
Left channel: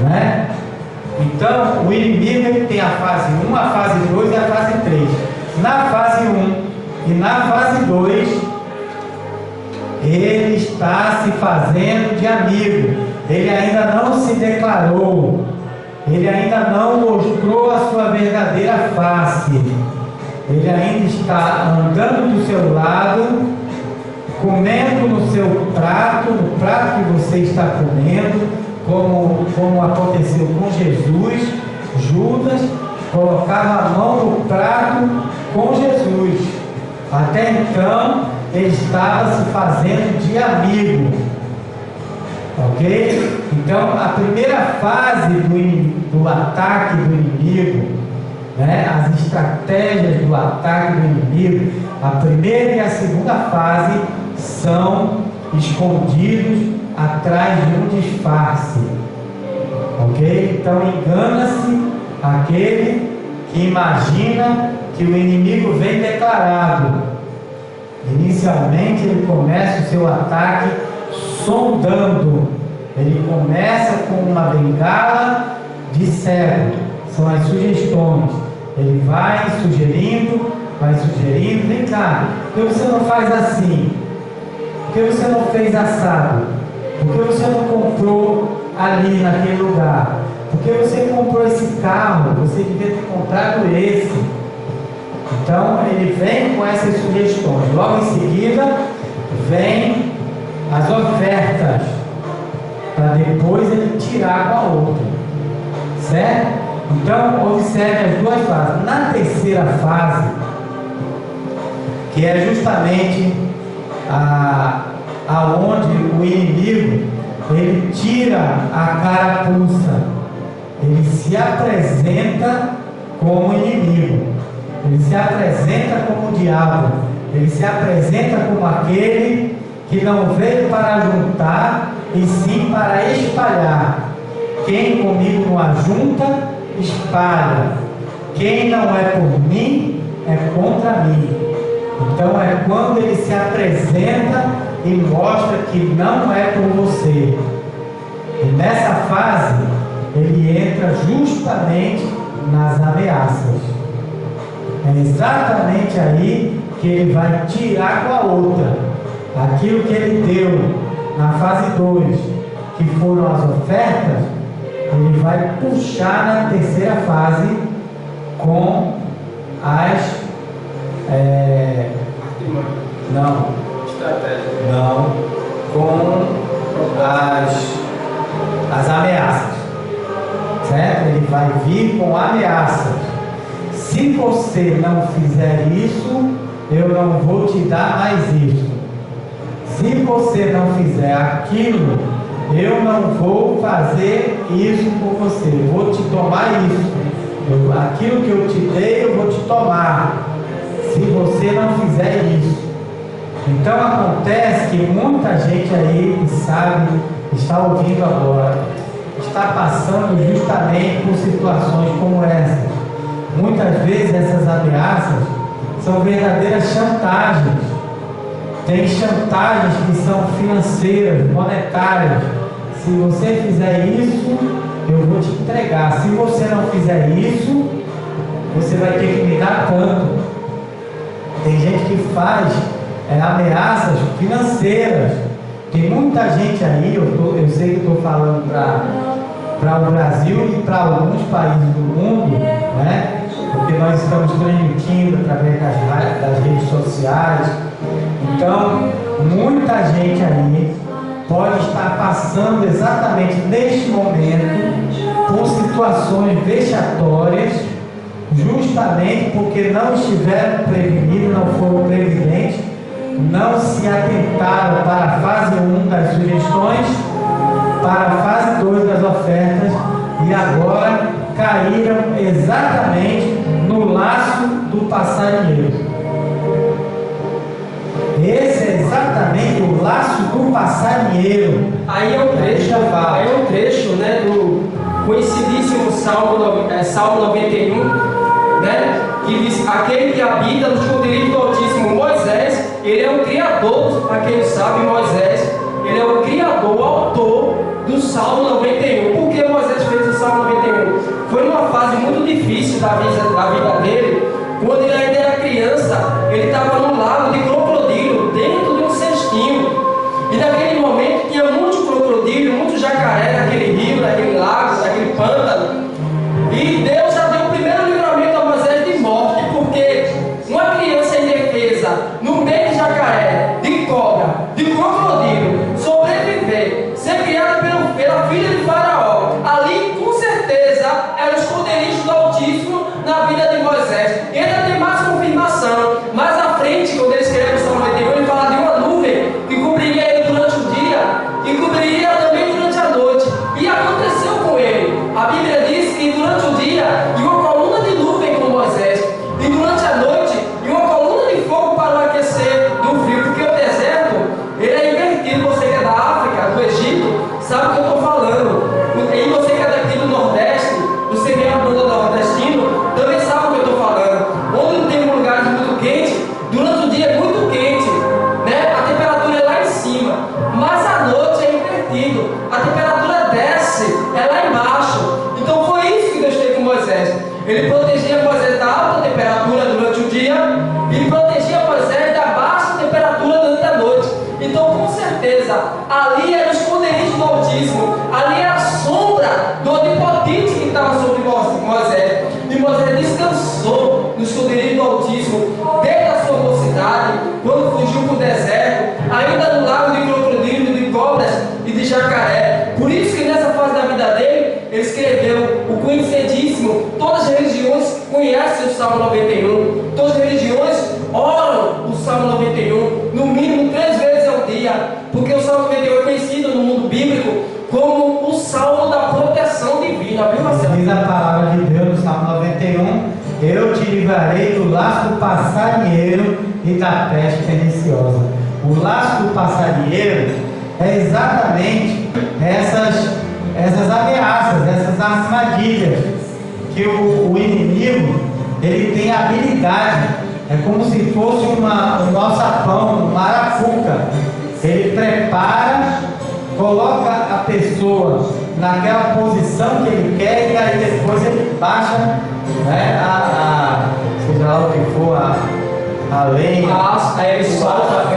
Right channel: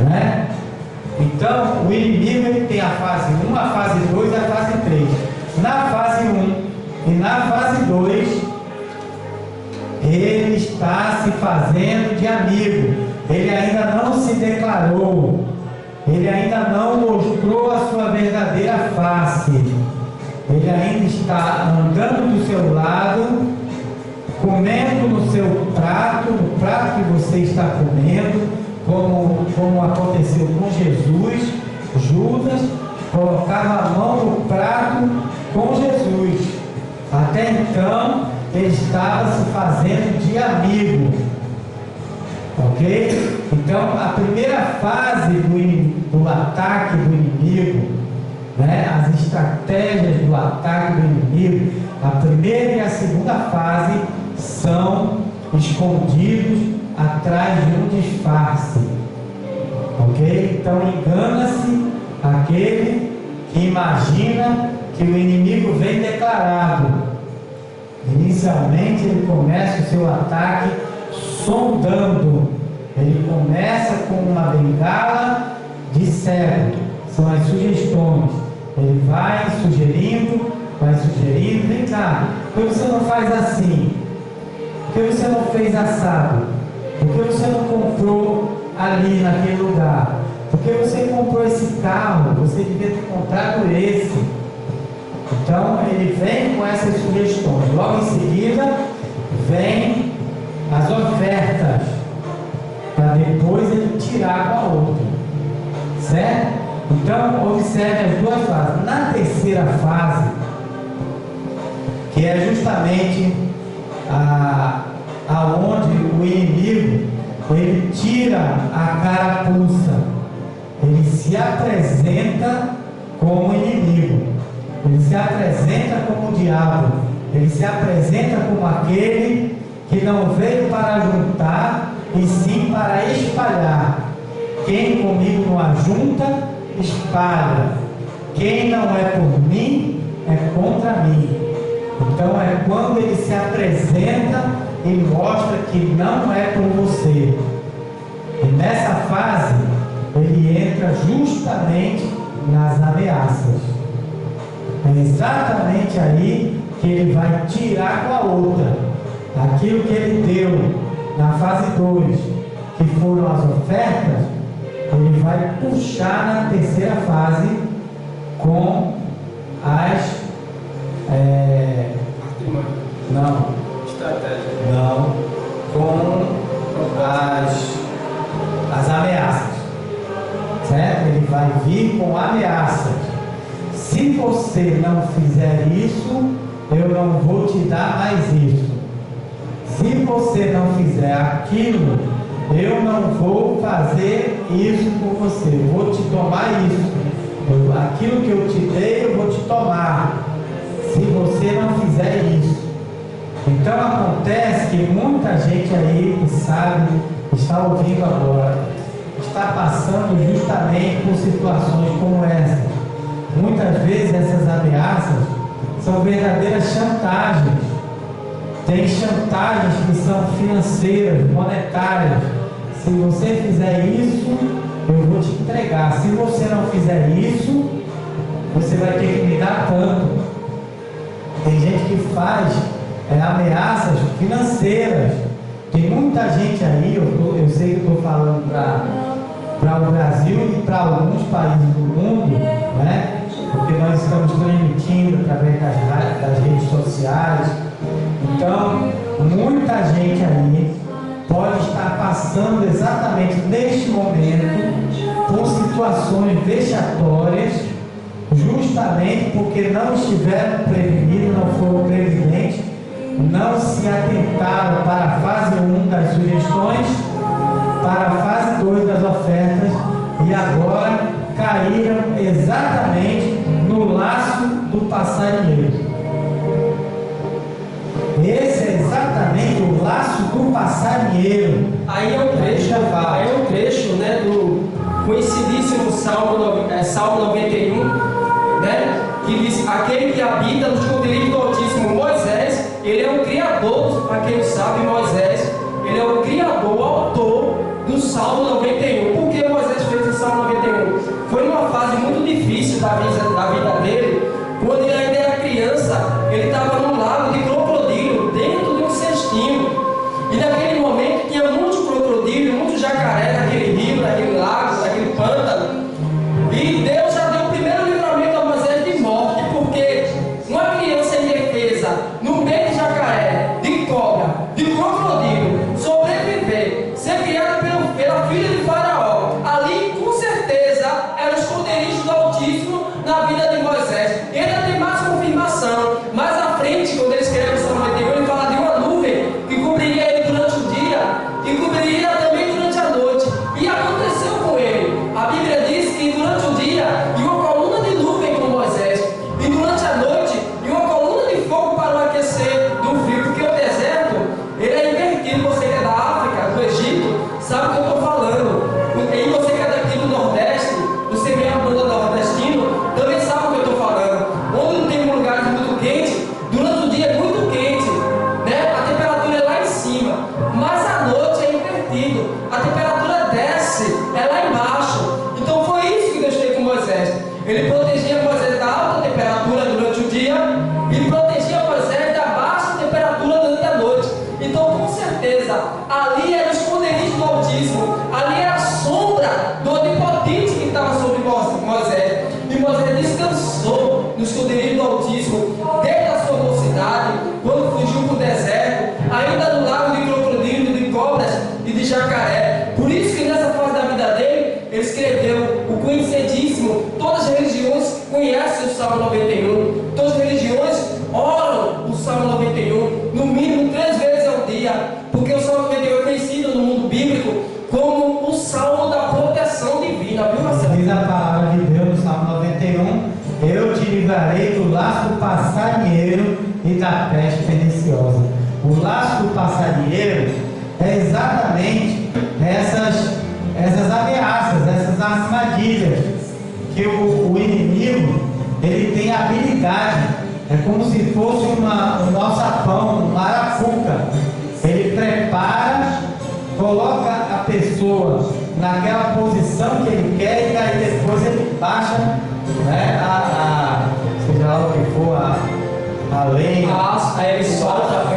né? Então o inimigo ele tem a fase 1, a fase 2 e a fase 3. Na fase 1 e na fase 2 ele está se fazendo de amigo, ele ainda não se declarou, ele ainda não mostrou a sua verdadeira face, ele ainda está andando do seu lado, comendo no seu prato, no prato que você está comendo, como aconteceu com Jesus. Judas colocava a mão no prato com Jesus, Até então, ele estava se fazendo de amigo. Ok? Então, a primeira fase do ataque do inimigo, né, as estratégias do ataque do inimigo, a primeira e a segunda fase são escondidos atrás de um disfarce. Ok? Então, engana-se aquele que imagina que o inimigo vem declarado. Inicialmente, ele começa o seu ataque sondando. Ele começa com uma bengala de cego, são as sugestões. Ele vai sugerindo, vem cá, por que você não faz assim? Por que você não fez assado? Por que você não comprou ali naquele lugar? Por que você comprou esse carro? Você devia ter comprado esse. Então ele vem com essas sugestões. Logo em seguida vem as ofertas, para depois ele tirar com a outra, certo? Então observe as duas fases. Na terceira fase, que é justamente aonde o inimigo ele tira a carapuça, ele se apresenta como inimigo, ele se apresenta como o diabo, ele se apresenta como aquele que não veio para juntar, e sim para espalhar. Quem comigo não ajunta, espalha. Quem não é por mim, é contra mim. Então é quando ele se apresenta e mostra que não é por você. E nessa fase, ele entra justamente nas ameaças. É exatamente aí que ele vai tirar com a outra. Aquilo que ele deu na fase 2, que foram as ofertas, ele vai puxar na terceira fase com as com as ameaças, certo? Ele vai vir com ameaças. Se você não fizer isso, eu não vou te dar mais isso. Se você não fizer aquilo, eu não vou fazer isso por você. Eu vou te tomar isso. Aquilo que eu te dei, eu vou te tomar. Se você não fizer isso. Então acontece que muita gente aí que sabe, está ouvindo agora, está passando justamente por situações como essa. Muitas vezes essas ameaças são verdadeiras chantagens. Tem chantagens que são financeiras, monetárias. Se você fizer isso, eu vou te entregar. Se você não fizer isso, você vai ter que me dar tanto. Tem gente que faz ameaças financeiras. Tem muita gente aí, eu sei que estou falando para o Brasil e para alguns países do mundo, né? Porque nós estamos transmitindo através das redes sociais. Então, muita gente aí pode estar passando exatamente neste momento por situações vexatórias, justamente porque não estiveram prevenidos, não foram previdentes, não se atentaram para a fase 1 das sugestões, para a fase 2 das ofertas, e agora caíram exatamente no laço do passarinheiro. Esse é exatamente o laço do passarinheiro. Aí é um trecho, né, do conhecidíssimo Salmo 91, né, que diz: aquele que habita no esconderijo do Altíssimo, Moisés, ele é o criador, para quem não sabe, Moisés, ele é o criador, o autor do Salmo 91. Por que Moisés fez o Salmo 91? Foi numa fase muito difícil da vida dele, quando ele ainda era criança. Ele estava num lago de crocodilo, dentro de um cestinho, e naquele momento tinha muito crocodilo, muito jacaré naquele rio, naquele lago, naquele pântano, e Deus já deu o primeiro livramento a Moisés de morte, porque uma criança indefesa, no meio de jacaré, de cobra, de crocodilo, sobreviver, ser criada pela filha de Faraó, ali com certeza era o esconderijo do Altíssimo na vida de Moisés. E ainda tem mais um e protegia Moisés da baixa temperatura durante a noite. Então, com certeza, ali era o esconderijo do Altíssimo, ali era a sombra do Onipotente que estava sobre Moisés. E Moisés descansou no esconderijo do Altíssimo desde a sua mocidade, quando fugiu para o deserto, ainda no lago de crocodilo, de cobras e de jacaré. Por isso que nessa fase da vida dele, ele escreveu o conhecidíssimo. Todas as religiões conhecem o Salmo 91, todas as religiões oram o Salmo 91, no mínimo 3 vezes ao dia, porque o Salmo 91 é conhecido no mundo bíblico como o Salmo da proteção divina, viu, Marcelo? Diz a palavra de Deus no Salmo 91: eu te livrarei do laço do passarinheiro e da peste perniciosa. O laço do passarinheiro é exatamente essas ameaças, essas armadilhas que o inimigo ele tem habilidade. É como se fosse um alçapão, uma arapuca. Ele prepara, coloca a pessoa naquela posição que ele quer, e aí depois ele baixa, né, seja lá o que for, a lenha. Aí ele solta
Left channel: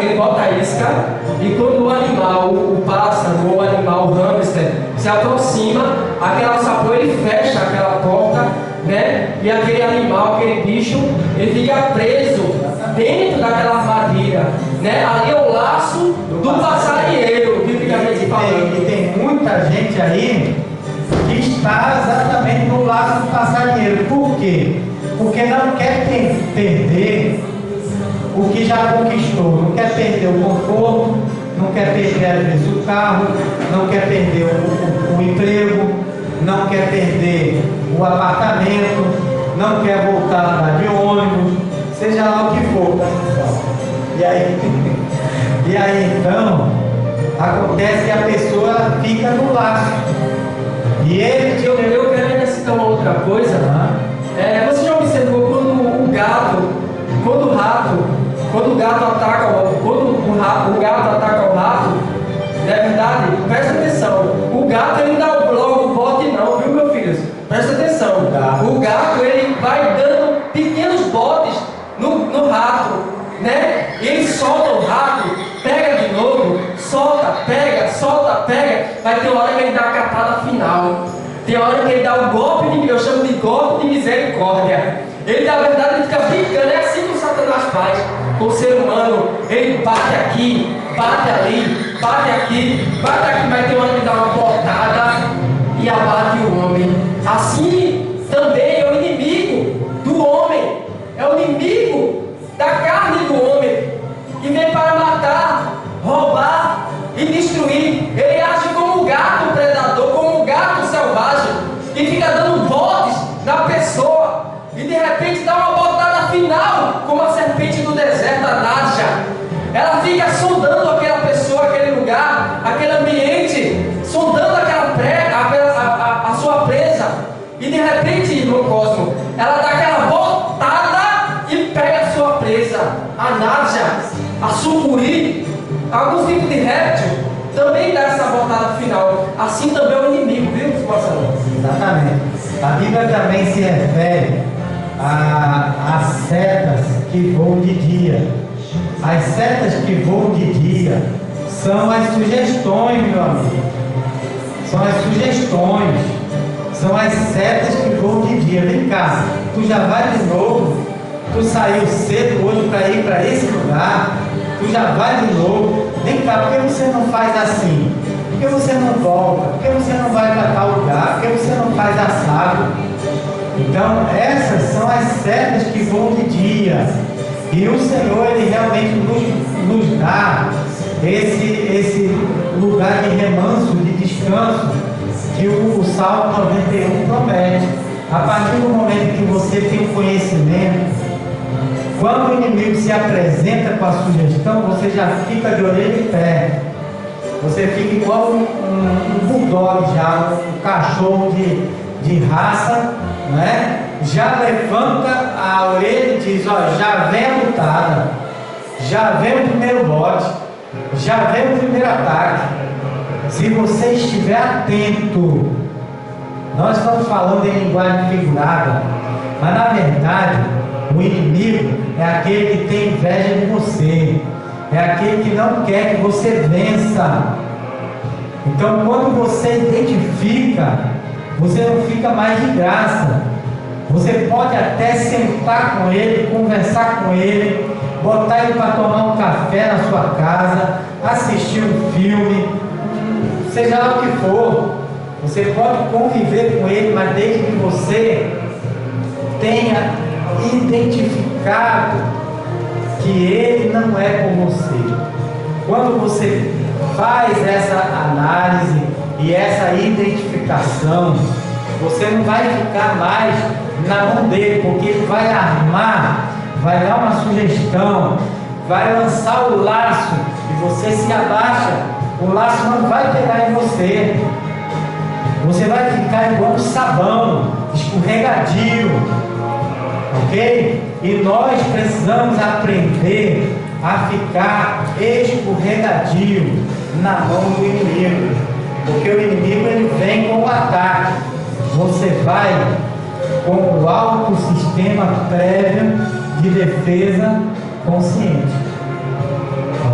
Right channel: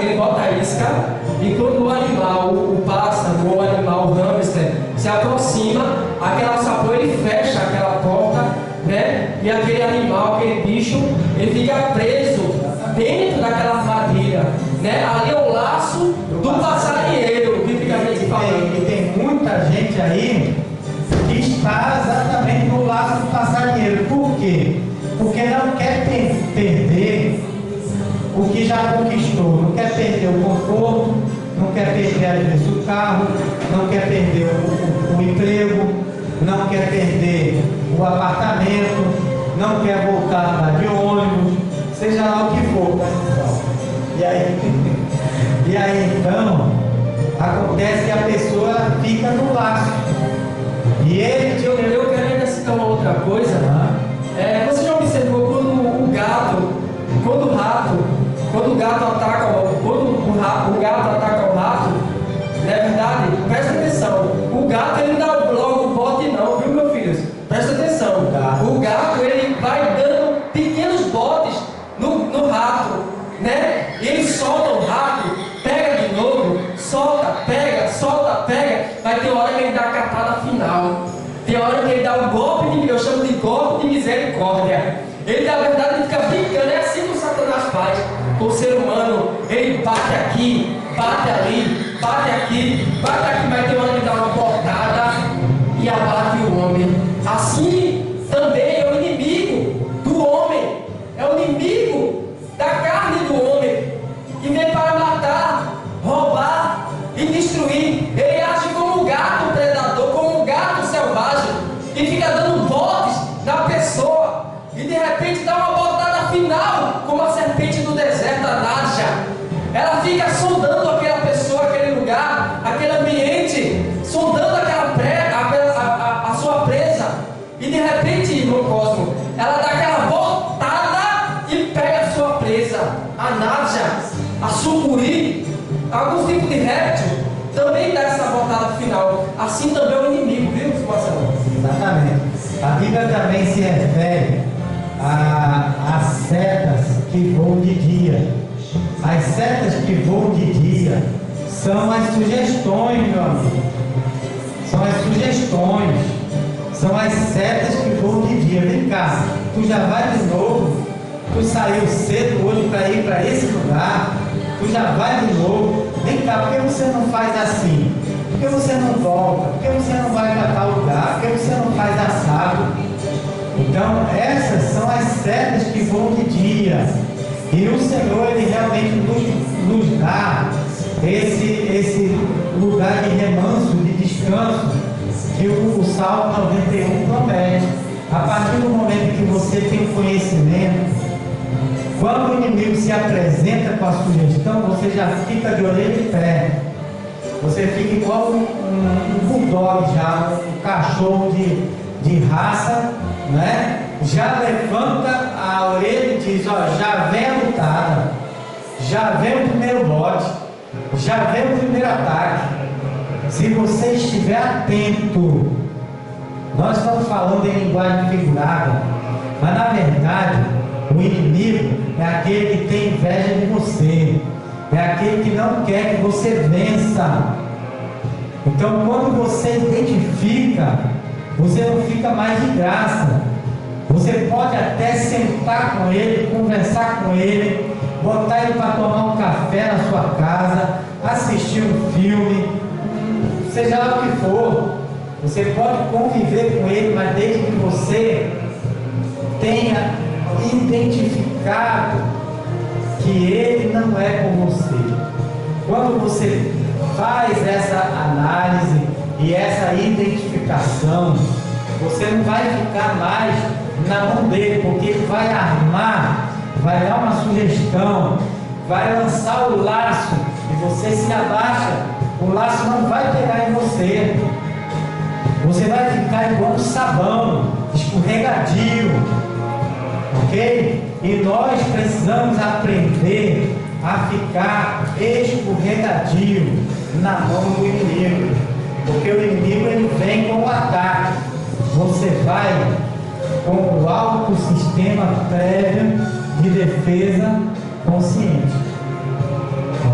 ele bota a isca, e quando o animal, o pássaro ou o animal, o hamster, se aproxima, aquele alçapão ele fecha aquela porta, né? E aquele animal, aquele bicho, ele fica preso dentro daquela armadilha, né? Ali é o laço do passarinheiro, biblicamente falando. E tem muita gente aí que está exatamente no laço do passarinheiro. Por quê? Porque não quer perder o que já conquistou, não quer perder o conforto, não quer perder às vezes o carro, não quer perder o emprego, não quer perder o apartamento, não quer voltar a andar de ônibus, seja lá o que for, tá, pessoal? E aí então acontece que a pessoa fica no laço. E ele eu quero ainda citar uma outra coisa. Você já observou quando o gato ataca o gato, não é verdade? Presta atenção, o gato ele não dá logo o bote não, viu, meu filho? Presta atenção, o gato ele vai dando pequenos botes no rato, né? Ele solta o rato, pega de novo, solta, pega, vai ter hora que ele dá a catada final, tem hora que ele dá o golpe, eu chamo de golpe de misericórdia. Ele, na verdade, ele fica brincando, é assim que o Satanás faz com o ser humano. Ele bate aqui, bate ali, bate aqui, vai ter hora que dá uma botada e abate o homem. Assim também é o inimigo do homem, é o inimigo da carne do homem, que vem para matar, roubar e destruir. Ele age como um gato predador, como um gato selvagem, e fica dando botes na pessoa. E de repente dá uma botada final, como a serpente do deserto, a Nadja. Ela fica sondando aquela pessoa, aquele lugar, aquele ambiente, sondando a sua presa. E de repente, irmão Cosmo, ela dá aquela botada e pega a sua presa. A Nadja, a sucuri, alguns tipos de réptil, também dá essa botada final. Assim também é o inimigo, viu, Marcelo? Exatamente. A Bíblia também se refere as setas que voam de dia. As setas que voam de dia são as sugestões, meu amigo. São as sugestões. São as setas que voam de dia. Vem cá, tu já vai de novo. Tu saiu cedo hoje para ir para esse lugar. Tu já vai de novo. Vem cá, por que você não faz assim? Por que você não volta? Por que você não vai para tal lugar? Por que você não faz assado? Então, essas são as setas que voam de dia. E o Senhor, Ele realmente nos dá esse lugar de remanso, de descanso, que o Salmo 91 promete. A partir do momento que você tem o conhecimento, quando o inimigo se apresenta com a sugestão, você já fica de orelha em pé. Você fica igual um bulldog já, um cachorro de raça, né? Já levanta a orelha e diz: ó, já vem a lutada, já vem o primeiro bote, já vem o primeiro ataque. Se você estiver atento, nós estamos falando em linguagem figurada, Mas na verdade, o inimigo é aquele que tem inveja de você, é aquele que não quer que você vença. Então, quando você identifica, você não fica mais de graça. Você pode até sentar com ele, conversar com ele, botar ele para tomar um café na sua casa, assistir um filme, seja lá o que for. Você pode conviver com ele, mas desde que você tenha identificado que ele não é com você. Quando você faz essa análise e essa identificação, você não vai ficar mais na mão dele, porque ele vai armar, vai dar uma sugestão, vai lançar o laço e você se abaixa, o laço não vai pegar em você, você vai ficar igual um sabão, escorregadio, ok? E nós precisamos aprender a ficar escorregadio na mão do inimigo, porque o inimigo ele vem com o ataque. Você vai com o alto sistema prévio de defesa consciente,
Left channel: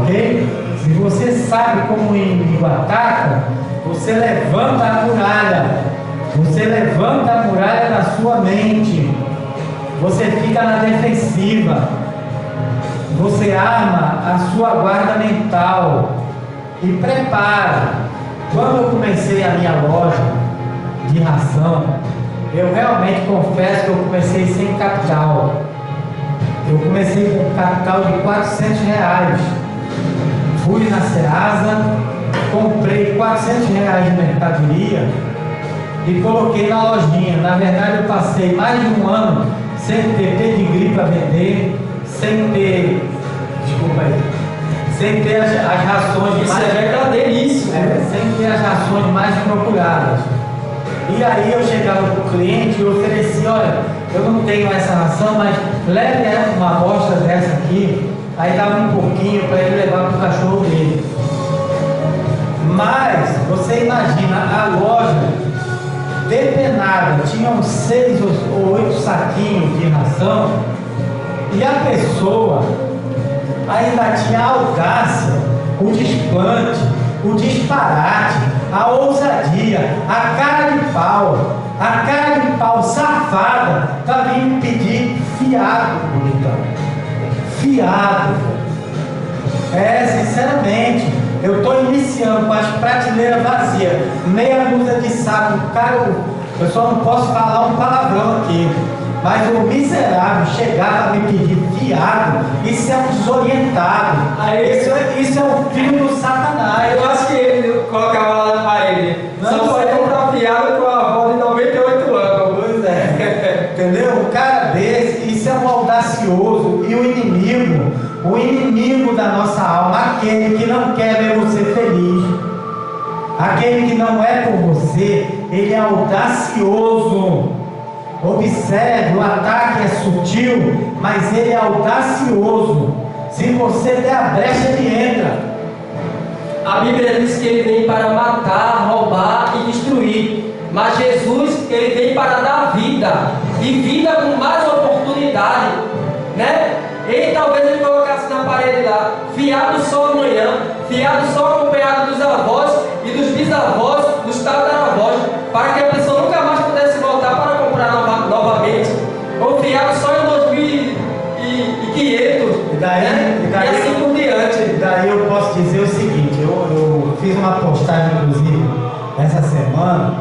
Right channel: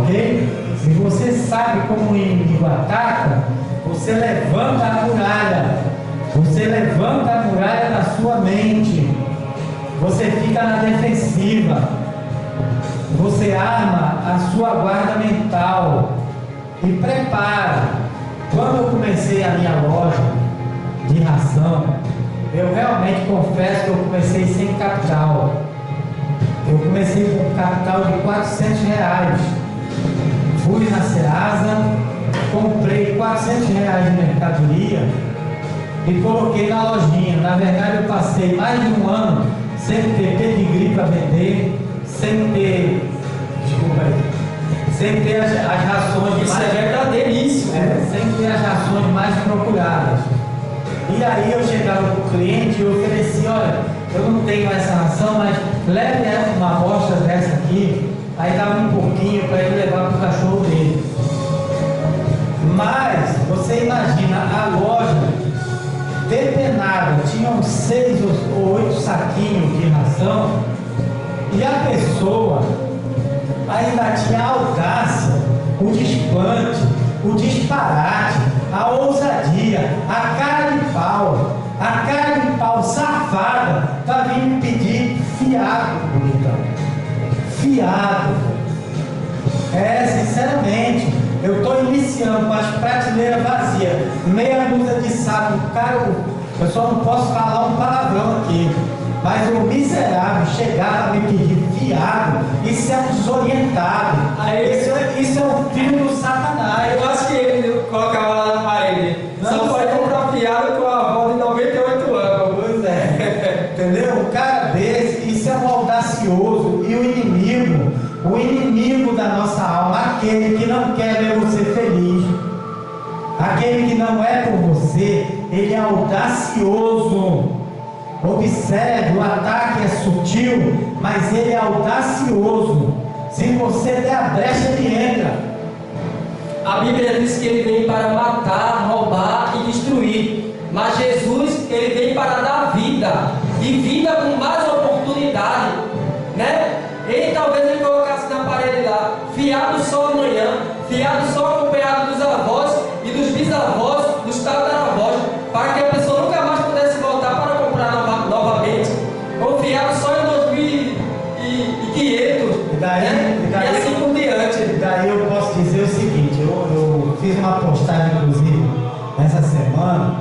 ok? Se você sabe como o inimigo ataca, você levanta a muralha, você levanta a muralha da sua mente, você fica na defensiva, você arma a sua guarda mental e prepara. Quando eu comecei a minha loja de ração, eu realmente confesso que eu comecei sem capital. Eu comecei com um capital de R$400. Fui na Ceasa, comprei R$400 de mercadoria e coloquei na lojinha. Na verdade, eu passei mais de um ano sem ter pedigree para vender, sem ter, sem ter as rações Isso mais... é verdadeiríssimo. sem ter as rações mais procuradas. E aí eu chegava para o cliente e oferecia: olha, eu não tenho essa ração, mas leve uma amostra dessa aqui. Aí dava um pouquinho para ele levar para o cachorro dele. Mas você imagina a loja depenada, tinha uns 6 ou 8 saquinhos de ração, e a pessoa ainda tinha a audácia, o desplante, o disparate, a ousadia, a cara de pau safada para vir me pedir fiado, bonitão. Fiado. Sinceramente, eu estou iniciando com as prateleiras vazias, meia dúzia de saco, cara, eu só não posso falar um palavrão aqui, mas o miserável chegava a me pedir fiado, isso é um desorientado, isso é um filho do Satanás. Eu acho que ele colocava lá na parede: só pode comprar fiado com a avó de 98 anos. Pois é, entendeu? Um cara desse, isso é um audacioso, e o inimigo da nossa alma, aquele que não quer ver você feliz, aquele que não é por você, ele é audacioso. Observe, o ataque é sutil, mas ele é audacioso. Se você der a brecha, ele entra. A Bíblia diz que ele vem para matar, roubar e destruir, mas Jesus, ele vem para dar vida, e vida com mais oportunidade, né? Ele talvez ele colocasse na parede lá: fiado só amanhã, fiado só acompanhado dos avós e dos bisavós, dos tataravós, para que a pessoa nunca mais pudesse voltar para comprar novamente, ou fiado só em 2500, e assim por diante. Daí eu posso dizer o seguinte: eu fiz uma postagem, inclusive, essa semana,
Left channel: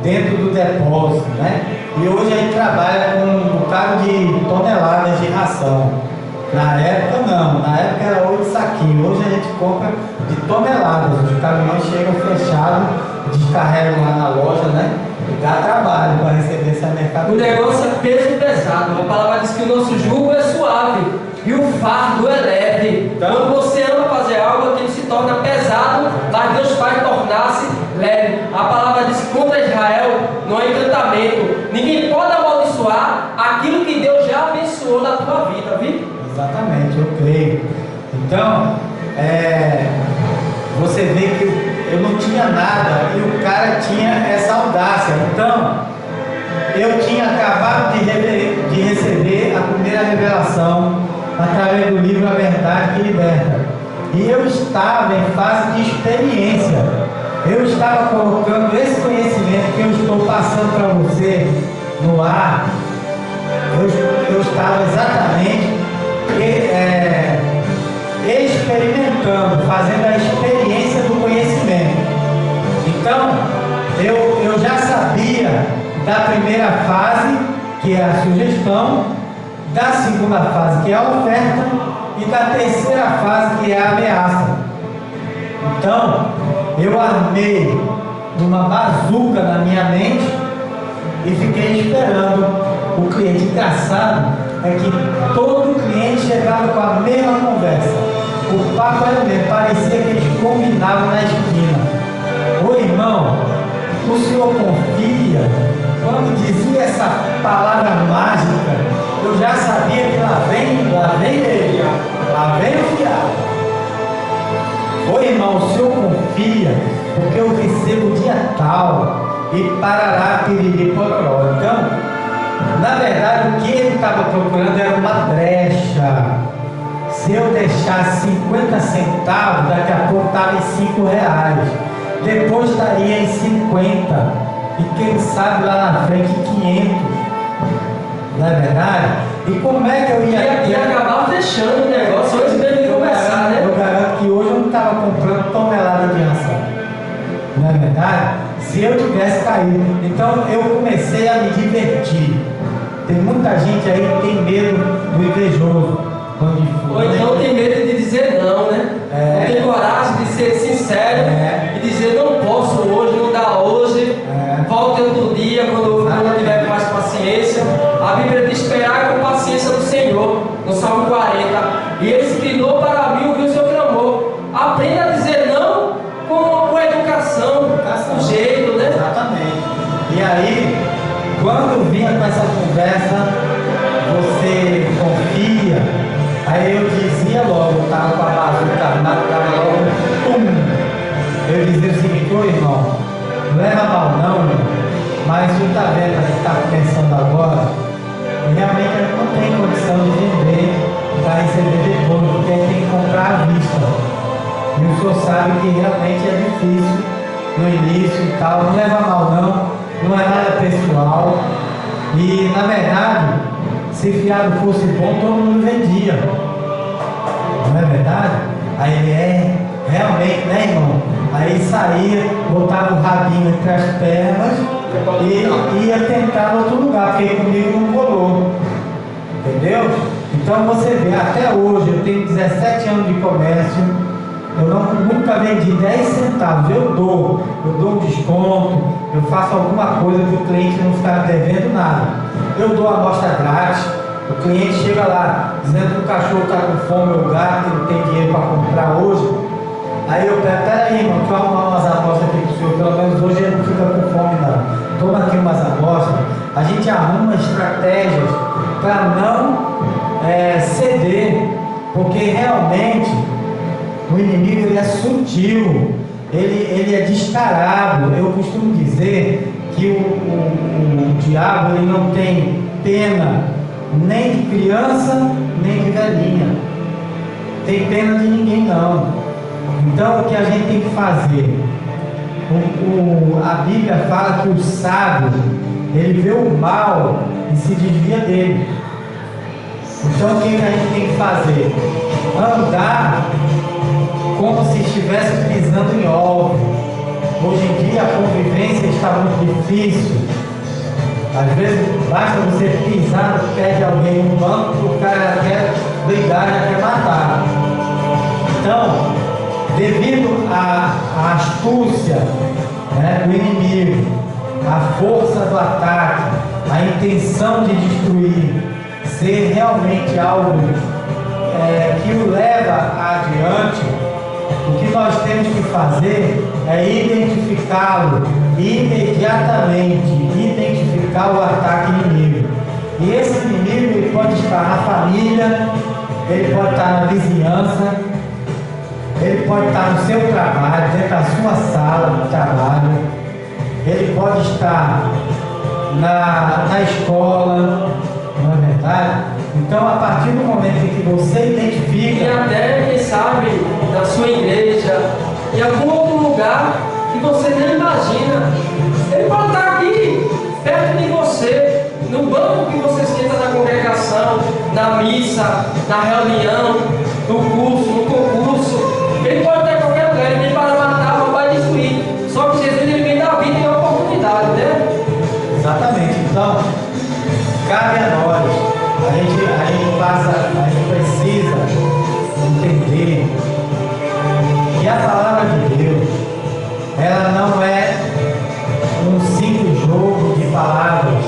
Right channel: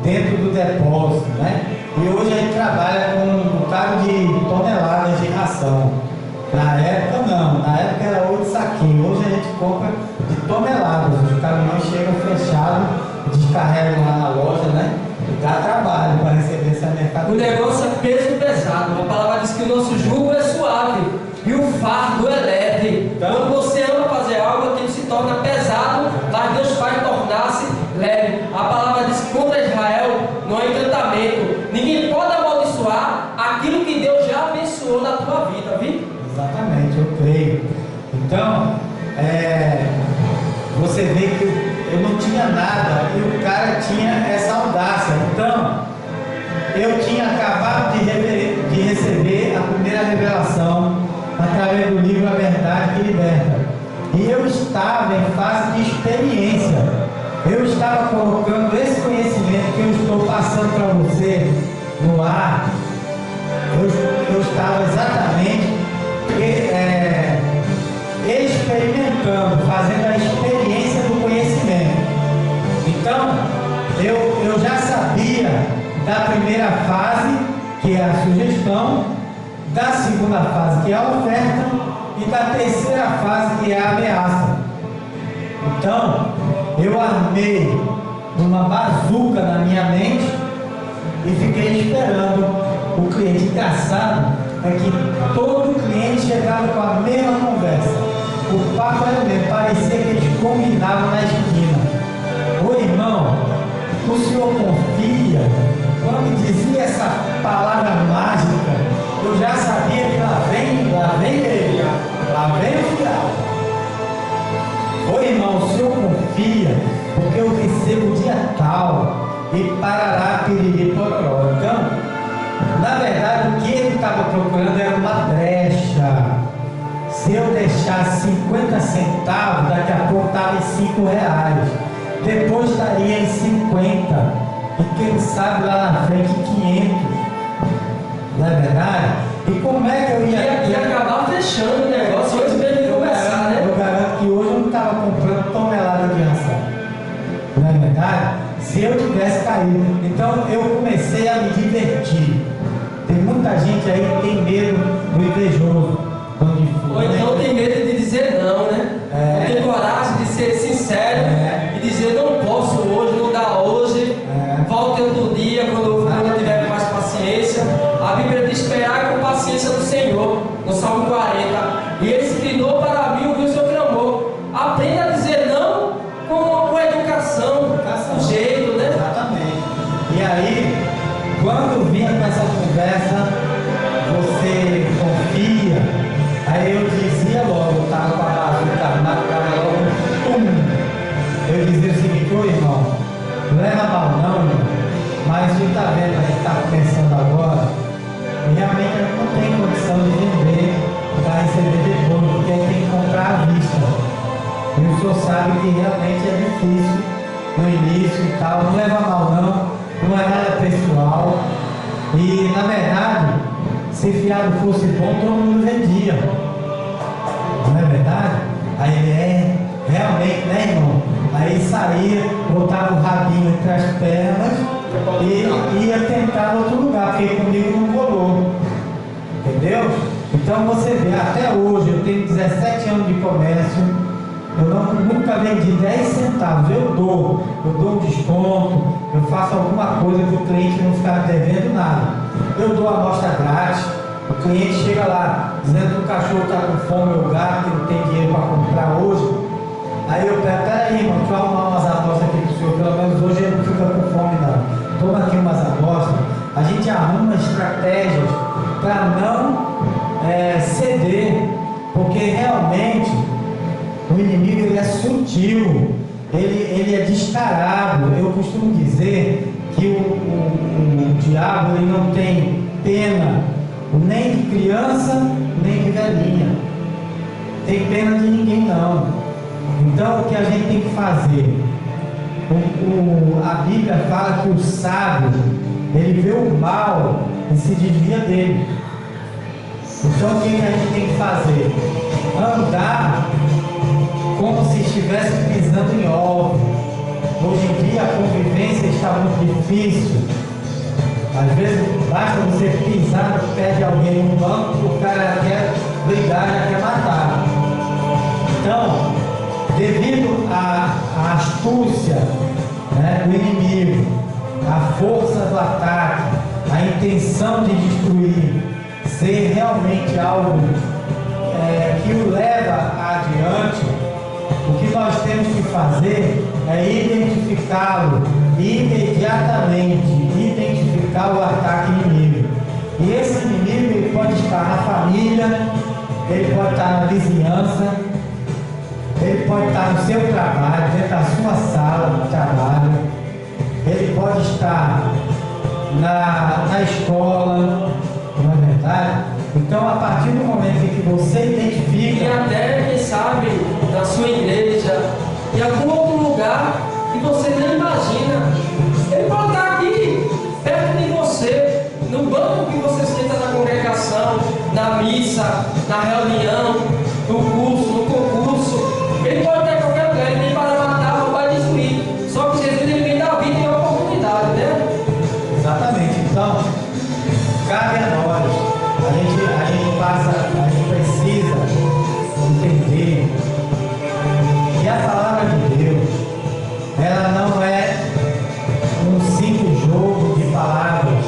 dentro do depósito, né? E hoje a gente trabalha com um bocado de toneladas de ração. Na época não, na época era 8 saquinhos, hoje a gente compra de toneladas, os caminhões chegam fechados, descarregam lá na loja, né? E dá trabalho para receber essa mercadoria. O negócio é peso pesado. A palavra diz que o nosso jugo é suave e o fardo é leve. Então, quando você ama fazer algo, aquilo se torna pesado, mas Deus faz tornar-se leve. A palavra diz que contra Israel não há encantamento. Ninguém pode amaldiçoar aquilo que Deus já abençoou na tua vida, viu? Exatamente, eu creio. Então, você vê que eu não tinha nada e o cara tinha essa audácia. Então, eu tinha acabado de salvação através do livro A Verdade que Liberta. E eu estava em fase de experiência. Eu estava colocando esse conhecimento que eu estou passando para você no ar. Eu estava exatamente experimentando, fazendo a experiência do conhecimento. Então, eu já sabia da primeira fase, que é a sugestão, da segunda fase, que é a oferta, e da terceira fase, que é a ameaça. Então, eu armei uma bazuca na minha mente e fiquei esperando o cliente. Engraçado é que todo cliente chegava com a mesma conversa. O papo era o mesmo, parecia que eles combinavam na esquina. Ô irmão, o senhor confia? Quando dizia essa palavra mágica, eu já sabia que lá vem ele, lá vem o fiado. Ô irmão, o senhor confia? Porque eu recebo dia tal e parará, piriri, pororó. Então, na verdade, o que ele estava procurando era uma brecha. Se eu deixasse 50 centavos, daqui a pouco estava em 5 reais. Depois estaria em 50. E quem sabe lá na frente 500. Não é verdade? E como é que eu ia acabar fechando o negócio antes dele começar, né? Eu garanto que hoje eu não estava comprando tonelada de ração. Não é verdade? Se eu tivesse caído. Então eu comecei a me divertir. Tem muita gente aí que tem medo do invejoso. Ou então tem medo de dizer não, né? Não tem coragem de ser sincero e dizer não posso hoje, não dá hoje, volte outro dia quando eu tiver mais paciência. A Bíblia diz esperar com paciência do Senhor, no Salmo 40. E ele se inclinou para mim, ouviu o seu clamor. Aprenda a dizer não com educação, com jeito, né? Exatamente. E aí, quando vinha com essa conversa, você confia. Aí eu dizia logo, estava com a bazuca na cara logo, pum! Eu dizia o seguinte: ô irmão, não leva mal não, irmão, mas tu está vendo, a gente está começando agora, e realmente a gente não tem condição de vender para receber depois, porque a gente tem que comprar à vista. E o senhor sabe que realmente é difícil no início e tal, não leva mal não é nada pessoal. E na verdade, se fiado fosse bom, todo mundo vendia. Não é verdade? Aí ele realmente, né, irmão? Aí saía, botava o rabinho entre as pernas e ia tentar em outro lugar, porque comigo não colou. Entendeu? Então você vê, até hoje, eu tenho 17 anos de comércio, eu nunca vendi 10 centavos, eu dou um desconto, eu faço alguma coisa para o cliente não ficar devendo nada. Eu dou a amostra grátis, o cliente chega lá dizendo que o cachorro está com fome, ou o gato, que não tem dinheiro para comprar hoje. Aí eu pego, peraí, irmão, deixa eu arrumar umas amostras aqui para o senhor, pelo menos hoje ele não fica com fome não. Toma aqui umas amostras. A gente arruma estratégias para não ceder, porque realmente o inimigo ele é sutil, ele é descarado. Eu costumo dizer que o diabo ele não tem pena nem de criança, nem de velhinha. Tem pena de ninguém não. Então o que a gente tem que fazer? A Bíblia fala que o sábio, ele vê o mal e se desvia dele. Então o que a gente tem que fazer? Andar como se estivesse pisando em ovos. Hoje em dia a convivência está muito difícil. Às vezes basta você pisar no pé de alguém no banco, o cara já quer brigar, já quer matar. Então, devido à astúcia, né, do inimigo, à força do ataque, a intenção de destruir, ser realmente algo que o leva adiante, o que nós temos que fazer é identificá-lo imediatamente, identificar o ataque inimigo. E esse inimigo ele pode estar na família, ele pode estar na vizinhança, ele pode estar no seu trabalho, dentro da sua sala de trabalho, ele pode estar na escola, não é verdade? Então, a partir do momento em que você E identifica, até, quem sabe, na sua igreja, em algum outro lugar que você nem imagina, ele pode estar aqui, perto de você, no banco que você senta na congregação, na missa, na reunião, no curso, no concurso. Ele pode estar em qualquer lugar, ele vem para matar, roubar e destruir. Só que Jesus, ele vem dar vida e oportunidade, né? exatamente, então, cabe a nós. A gente precisa entender que a palavra de Deus, ela não é um simples jogo de palavras,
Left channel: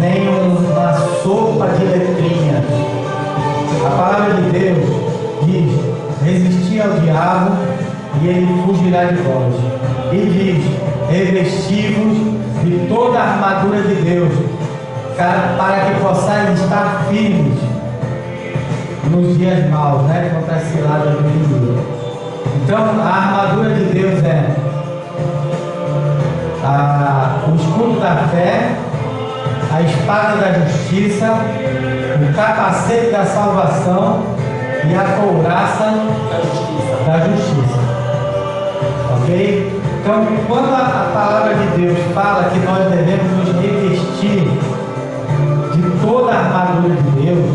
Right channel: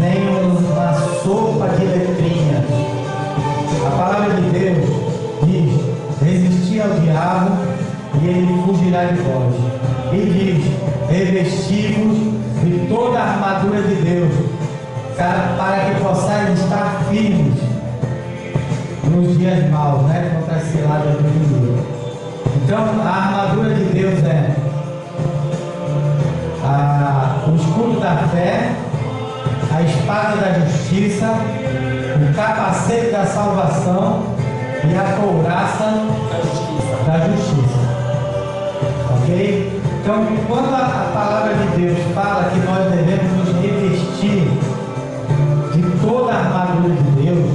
nem uma sopa de letrinhas. A palavra de Deus diz: resistir ao diabo e ele fugirá de vós. E diz: revesti-vos de toda a armadura de Deus, para que possais estar firmes nos dias maus, né? Contra as ciladas do inimigo. Então, a armadura de Deus é o escudo da fé, a espada da justiça, o capacete da salvação e a couraça da justiça. Ok? Então, quando a palavra de Deus fala que nós devemos nos revestir de toda a armadura de Deus,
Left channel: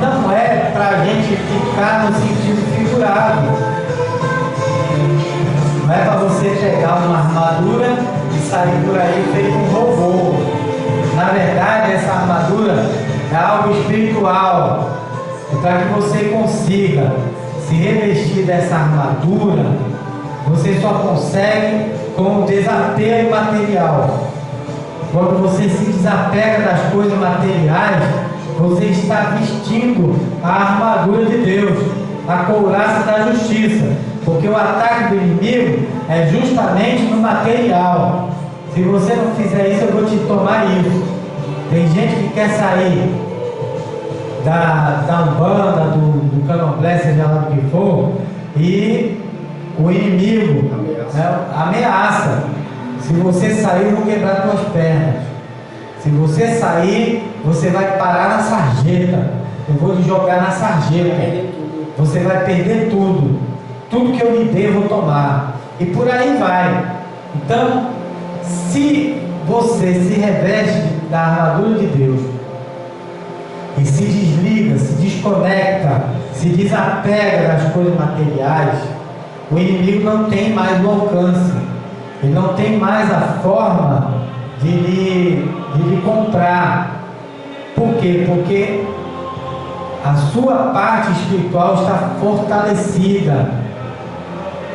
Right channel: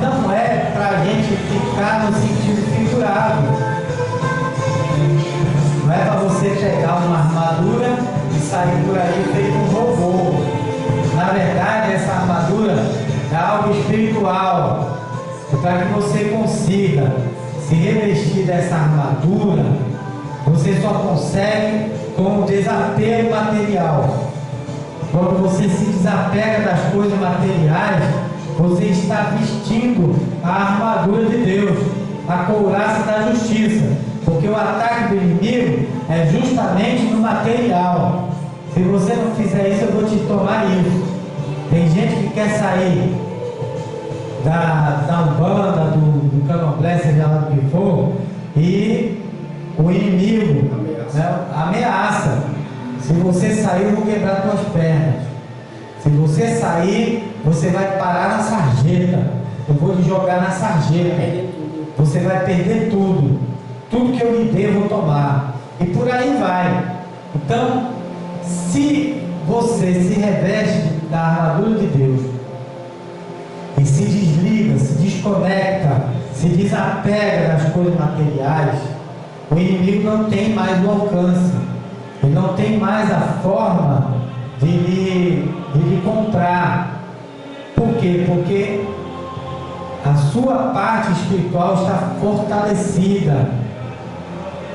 não é para a gente ficar no sentido figurado. Não é para você pegar uma armadura e sair por aí feito um robô. Na verdade, essa armadura é algo espiritual. E para que você consiga se revestir dessa armadura, você só consegue com o desapego material. Quando você se desapega das coisas materiais, você está vestindo a armadura de Deus, a couraça da justiça, porque o ataque do inimigo é justamente no material. Se você não fizer isso, eu vou te tomar isso. Tem gente que quer sair da Umbanda, do Candomblé, seja lá do que for, e o inimigo ameaça. Se você sair, eu vou quebrar suas pernas. Se você sair, você vai parar na sarjeta. Eu vou lhe jogar na sarjeta. Você vai perder tudo. Tudo que eu lhe dei, eu vou tomar. E por aí vai. Então, se você se reveste da armadura de Deus e se desliga, se desconecta, se desapega das coisas materiais, o inimigo não tem mais o alcance. Ele não tem mais a forma de lhe comprar. Por quê? Porque a sua parte espiritual está fortalecida.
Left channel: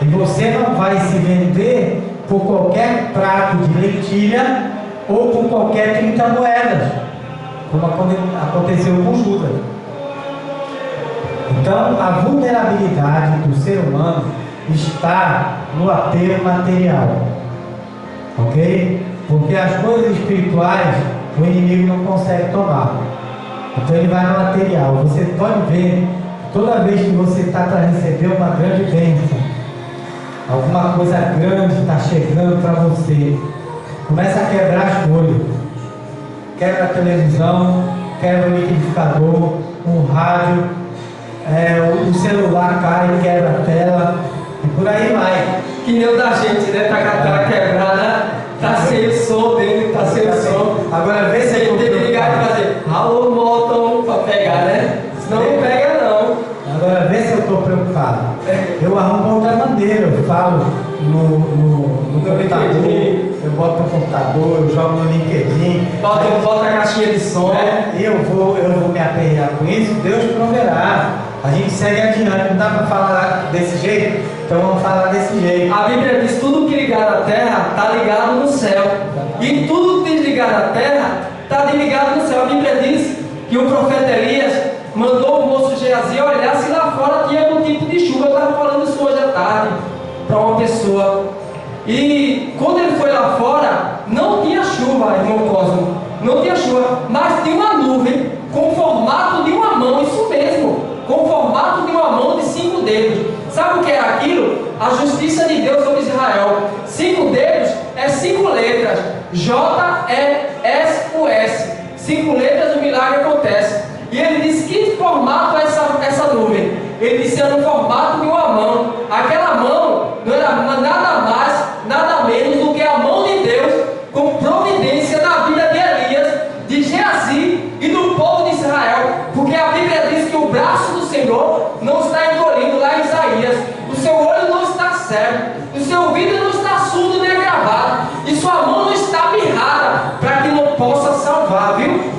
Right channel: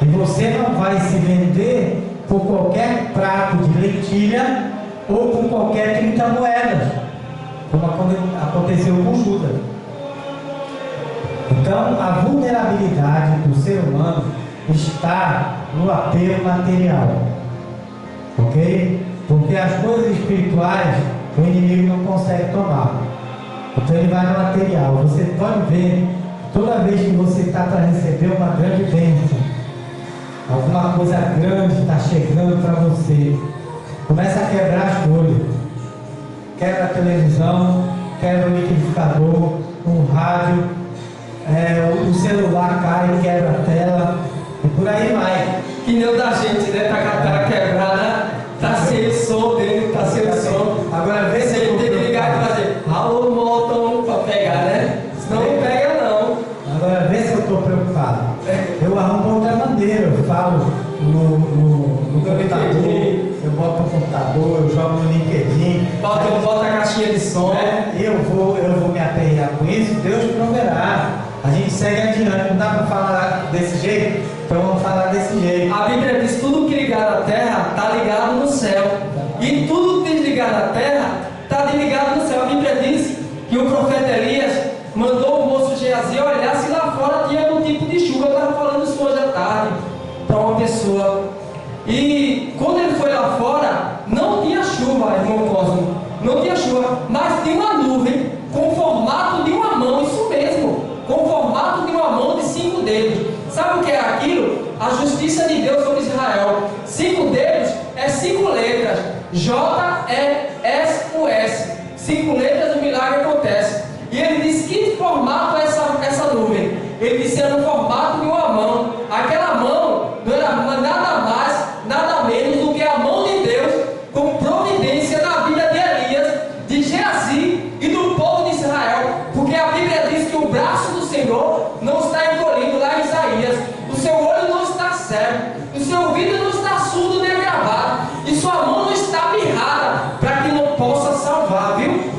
E você não vai se vender por qualquer prato de lentilha ou por qualquer 30 moedas, como aconteceu com Judas. Então, a vulnerabilidade do ser humano está no apego material, ok? Porque as coisas espirituais o inimigo não consegue tomar, então ele vai no material. Você pode ver, toda vez que você está para receber uma grande bênção, alguma coisa grande está chegando para você, começa a quebrar as coisas, quebra a televisão, quebra o liquidificador, o rádio, o celular cai, quebra a tela, e por aí vai. Que nem o da gente, né? Tá com a tela quebrada, tá sem o som dele, tá sem o som. Agora vê se Você tem que ligar e fazer alô, moto, para pegar, né? Senão não pega não. Agora vê se eu estou preocupado. Eu arrumo outra maneira, eu falo no computador, eu boto no computador, eu jogo no LinkedIn. Bota a caixinha de som. Eu vou me aperrear com isso, Deus proverá. A gente segue adiante, não dá para falar desse jeito, então vamos falar desse jeito. A Bíblia diz: tudo que ligar na terra está ligado no céu, e tudo que desligar na terra está ligado no céu. A Bíblia diz que o profeta Elias mandou o moço Geazi olhar se lá fora tinha algum tipo de chuva. Eu estava falando isso hoje à tarde para uma pessoa, e quando ele foi lá fora, não tinha chuva, irmão Cosmo, não tinha chuva, mas tinha uma nuvem com o formato de uma mão, isso mesmo, com o formato de uma mão de 5 dedos. Sabe o que era aquilo? A justiça de Deus sobre Israel. 5 dedos é 5 letras, J-E-S-U-S, 5 letras, o milagre acontece. E formato essa nuvem? Ele disse, era no formato de uma mão. Aquela mão não era nada mais, nada menos do que a mão de Deus, com providência na vida de Elias, de Geazi e do povo de Israel. Porque a Bíblia diz que o braço do Senhor não está encolhido, lá em Isaías. O seu olho não está cego, o seu ouvido não está surdo nem agravado, e sua mão não está mirrada, para que não possa salvar, viu?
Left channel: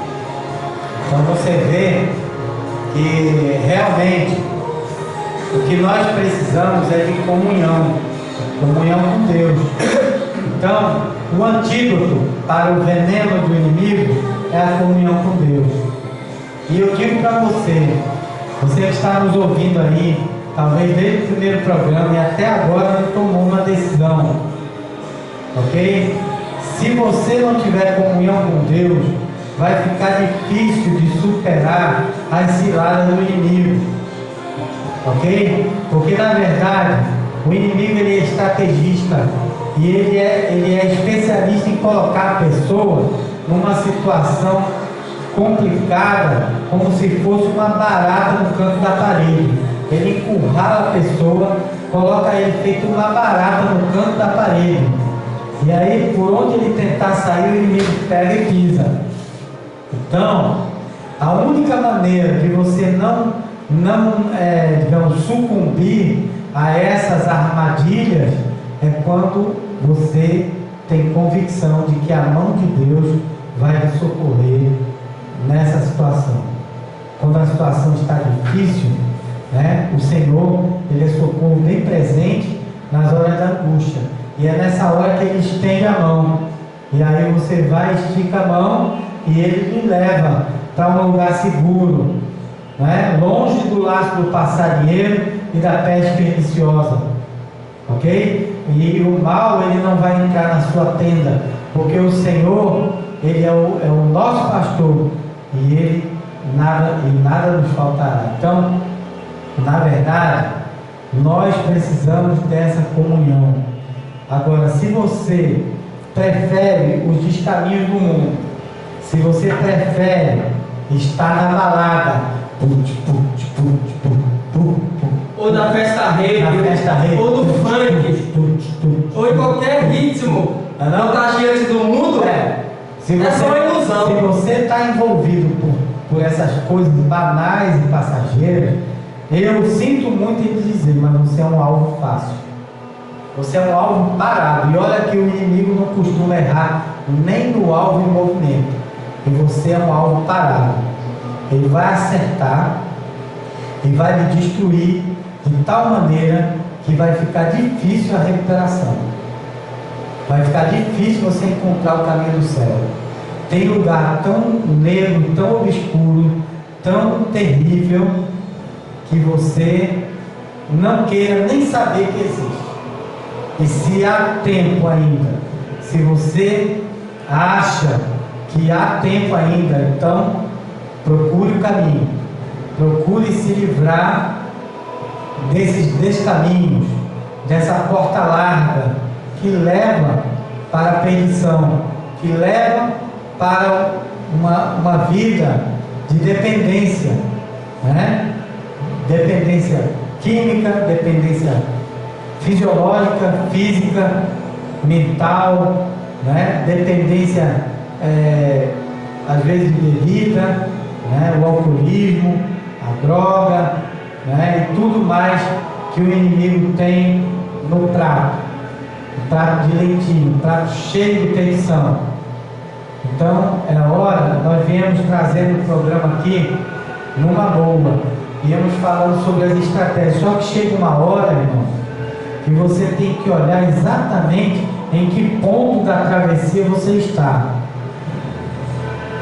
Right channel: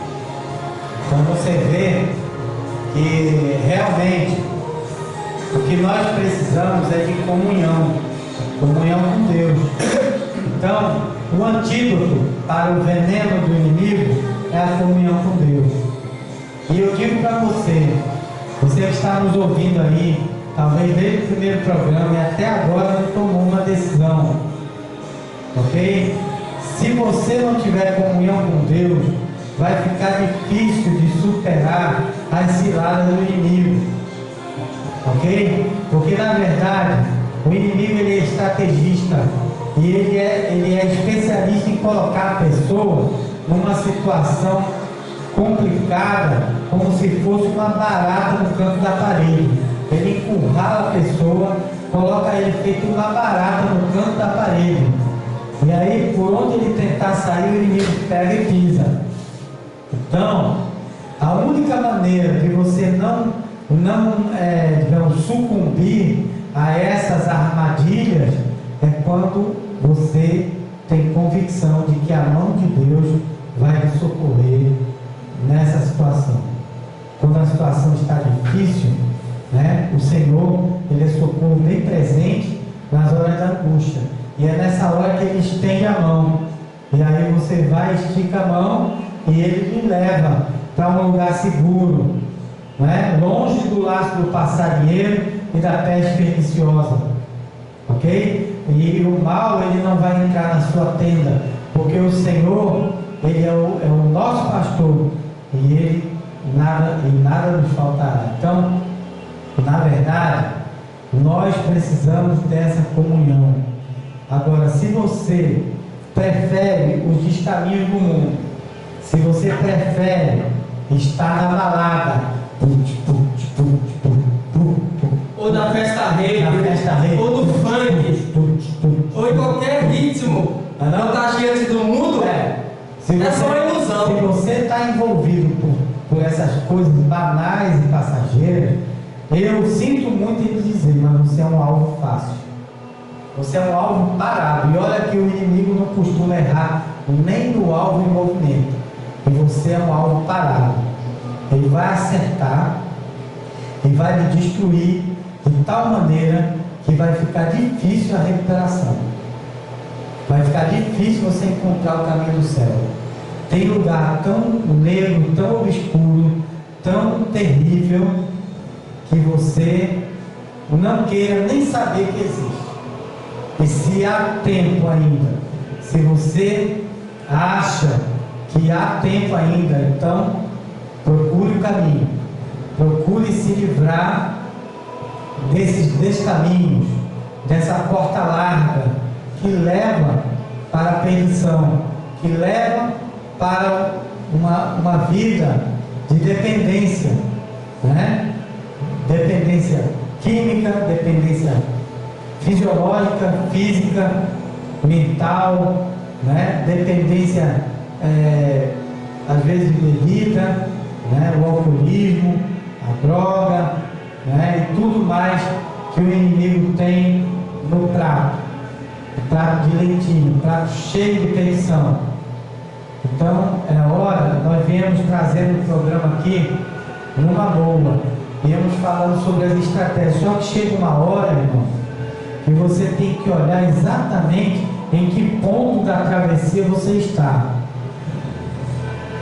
Então você vê que realmente o que nós precisamos é de comunhão com Deus. Então, o antídoto para o veneno do inimigo é a comunhão com Deus. E eu digo para você que está nos ouvindo aí, talvez desde o primeiro programa e até agora não tomou uma decisão, ok? Se você não tiver comunhão com Deus, vai ficar difícil de superar as ciladas do inimigo, ok? Porque na verdade o inimigo ele é estrategista e ele é especialista em colocar a pessoa numa situação complicada, como se fosse uma barata no canto da parede. Ele encurrala a pessoa, coloca ele feito uma barata no canto da parede, e aí por onde ele tentar sair, o inimigo pega e pisa. Então, a única maneira de você digamos, sucumbir a essas armadilhas é quando você tem convicção de que a mão de Deus vai te socorrer nessa situação. Quando a situação está difícil, né, o Senhor, Ele é socorro bem presente nas horas da angústia, e é nessa hora que Ele estende a mão, e aí você vai, estica a mão, e Ele lhe leva para um lugar seguro, né? Longe do laço do passarinheiro e da peste perniciosa, ok? E o mal ele não vai entrar na sua tenda, porque o Senhor ele é o nosso pastor, e nada nos faltará. Então, na verdade, nós precisamos dessa comunhão. Agora, se você prefere os descaminhos do mundo, se você prefere estar na balada, ou na festa rave, ou no funk, ou em qualquer ritmo contagiante do mundo, é só uma ilusão. Se você está envolvido por essas coisas banais e passageiras, eu sinto muito em dizer, mas você é um alvo fácil. Você é um alvo parado. E olha que o inimigo não costuma errar nem no alvo em movimento. E você é um alvo parado. Ele vai acertar e vai lhe destruir de tal maneira que vai ficar difícil a recuperação. Vai ficar difícil você encontrar o caminho do céu. Tem lugar tão negro, tão obscuro, tão terrível, que você não queira nem saber que existe. E se há tempo ainda, se você acha que há tempo ainda, então procure o caminho, procure se livrar desses caminhos, dessa porta larga que leva para a perdição, que leva para uma vida de dependência, né? Dependência química, dependência fisiológica, física, mental, né? Dependência às vezes de bebida, né? O alcoolismo, a droga, né? E tudo mais que o inimigo tem no prato, prato de leitinho, prato cheio de perdição. Então é hora, nós viemos trazendo o programa aqui numa boa, viemos falando sobre as estratégias, só que chega uma hora, irmão, que você tem que olhar exatamente em que ponto da travessia você está,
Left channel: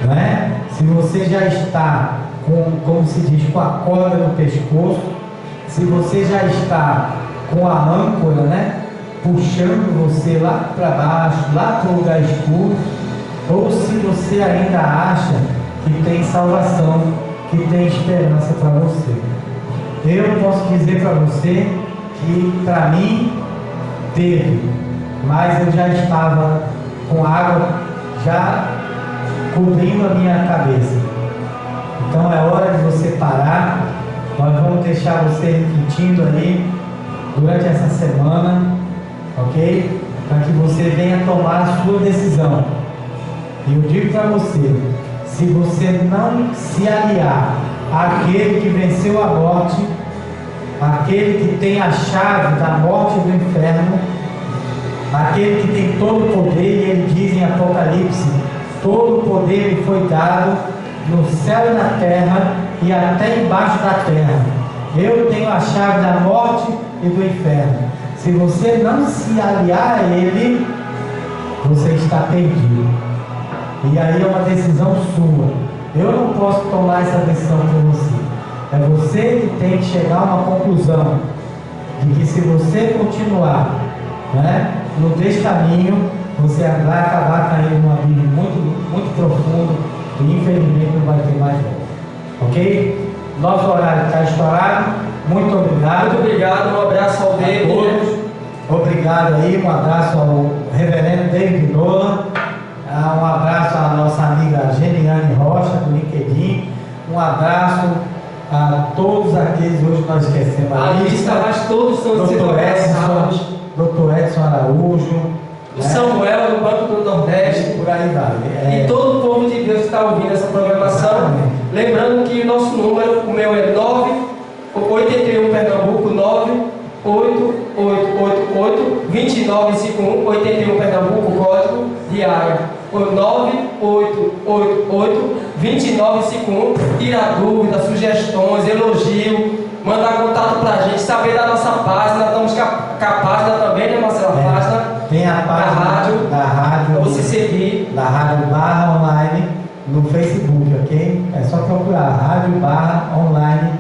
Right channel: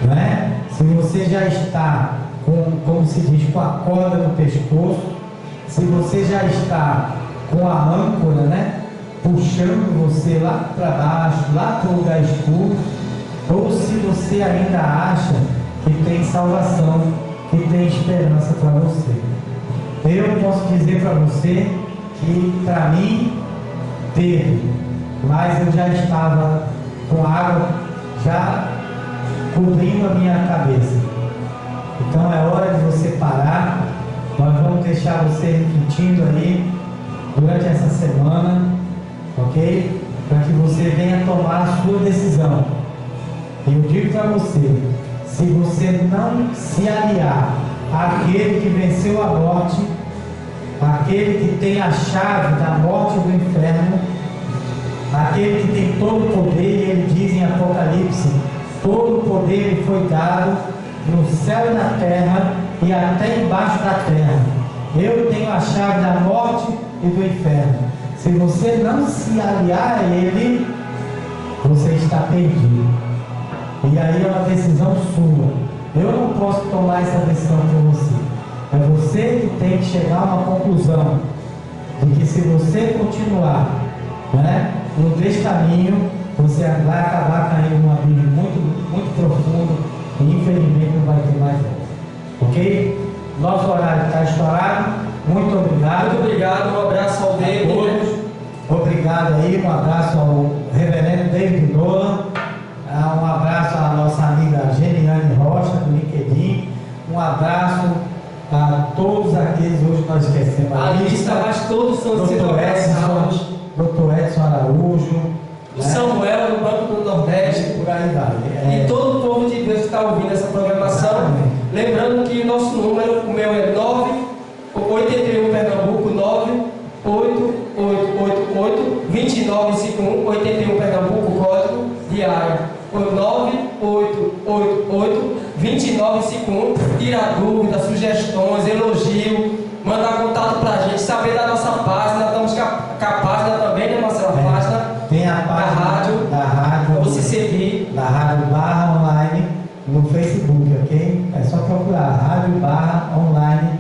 né? Se você já está como se diz, com a corda no pescoço, se você já está com a âncora, né, puxando você lá para baixo, lá para o lugar escuro, ou se você ainda acha que tem salvação, que tem esperança para você. Eu posso dizer para você que para mim teve, mas eu já estava com água já cobrindo a minha cabeça. Então é hora de você parar Nós vamos deixar você refletindo aí durante essa semana, ok? Para que você venha tomar a sua decisão. E eu digo para você, se você não se aliar àquele que venceu a morte, aquele que tem a chave da morte e do inferno, aquele que tem todo o poder, e ele diz em Apocalipse, todo o poder lhe foi dado no céu e na terra e até embaixo da terra. Eu tenho a chave da morte e do inferno. Se você não se aliar a ele, você está perdido. E aí é uma decisão sua. Eu não posso tomar essa decisão por você. É você que tem que chegar a uma conclusão de que se você continuar, né, no descaminho, você vai acabar caindo num abismo muito profundo e infelizmente não vai ter mais volta. Ok? Nosso horário está estourado. Muito obrigado. Muito obrigado, um abraço ao David. Obrigado aí, um abraço ao reverendo David Nola. Um abraço à nossa amiga Geniane Rocha, do LinkedIn. Um abraço a todos aqueles, hoje nós esquecemos a lista, mas todos são Dr. Edson Araújo, o Samuel, do Banco do Nordeste, por aí vai. E todo o povo de Deus que está ouvindo essa programação. Exatamente. Lembrando que o nosso número, o meu é 981 Pernambuco, 98888-2951, 81 Pernambuco, código de área. 9888-2951. Tira dúvidas, sugestões, elogio, mandar contato pra gente, saber da nossa página. Estamos com a página também, né, Marcelo? A página. Tem a página da rádio. Você seguir. Da Rádio Barra Online no Facebook, ok? É só procurar Rádio Barra Online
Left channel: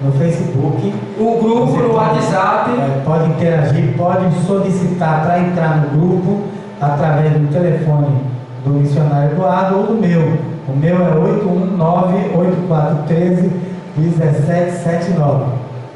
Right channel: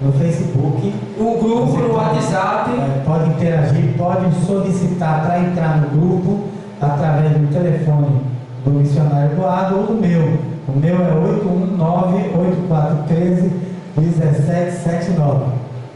no Facebook. O grupo no WhatsApp. Pode interagir, pode solicitar para entrar no grupo através do telefone do missionário Eduardo ou do meu. O meu é 819-8413-1779.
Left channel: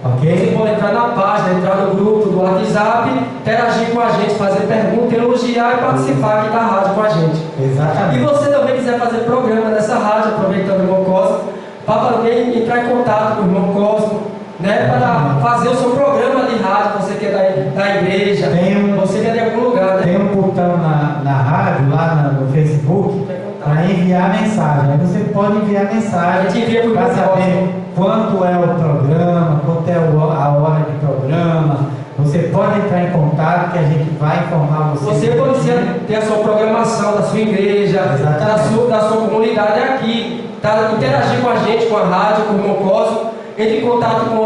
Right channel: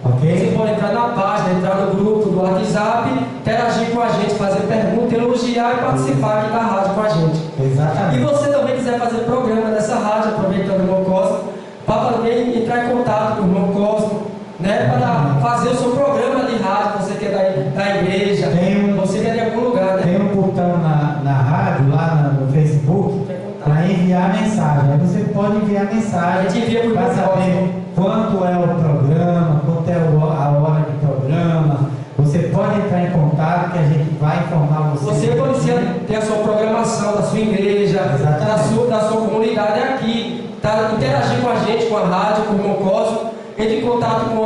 Ok? Você pode entrar na página, entrar no grupo do WhatsApp, interagir com a gente, fazer pergunta, elogiar e participar aqui da rádio com a gente. Exatamente. E você também quiser fazer programa nessa rádio, aproveitando o irmão Cosmo, para também entrar em contato com o irmão Cosmo, né, para fazer o seu programa de rádio, você que é da igreja, você que é de algum lugar, né? Tem um botão na rádio, lá no Facebook, para enviar mensagem. Aí você pode enviar mensagem para saber quanto é o programa, quanto é a hora de programa. Você pode entrar em contato que a gente vai informar você. Você pode ter a sua programação da sua igreja, da sua comunidade aqui, tá? Interagir com a gente, com a rádio, com o irmão Cosmo. Entre em contato com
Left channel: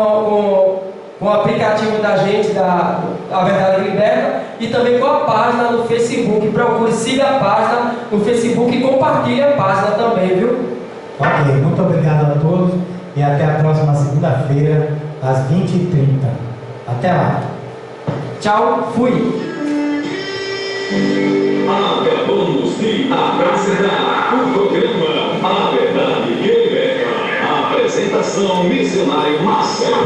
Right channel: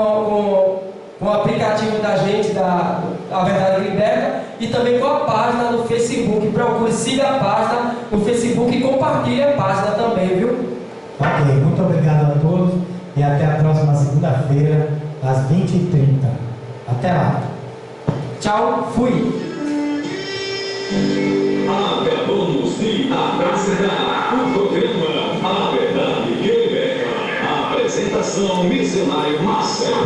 o aplicativo da gente, da Verdade Liberta, e também com a página no Facebook. Procure, siga a página no Facebook e compartilhe a página também, viu? Ok, muito obrigado a todos e até a próxima segunda-feira, às 20h30. Até lá. Tchau, fui. Acabamos de apresentar o programa A Verdade que Liberta. Apresentação missionário Marcelo.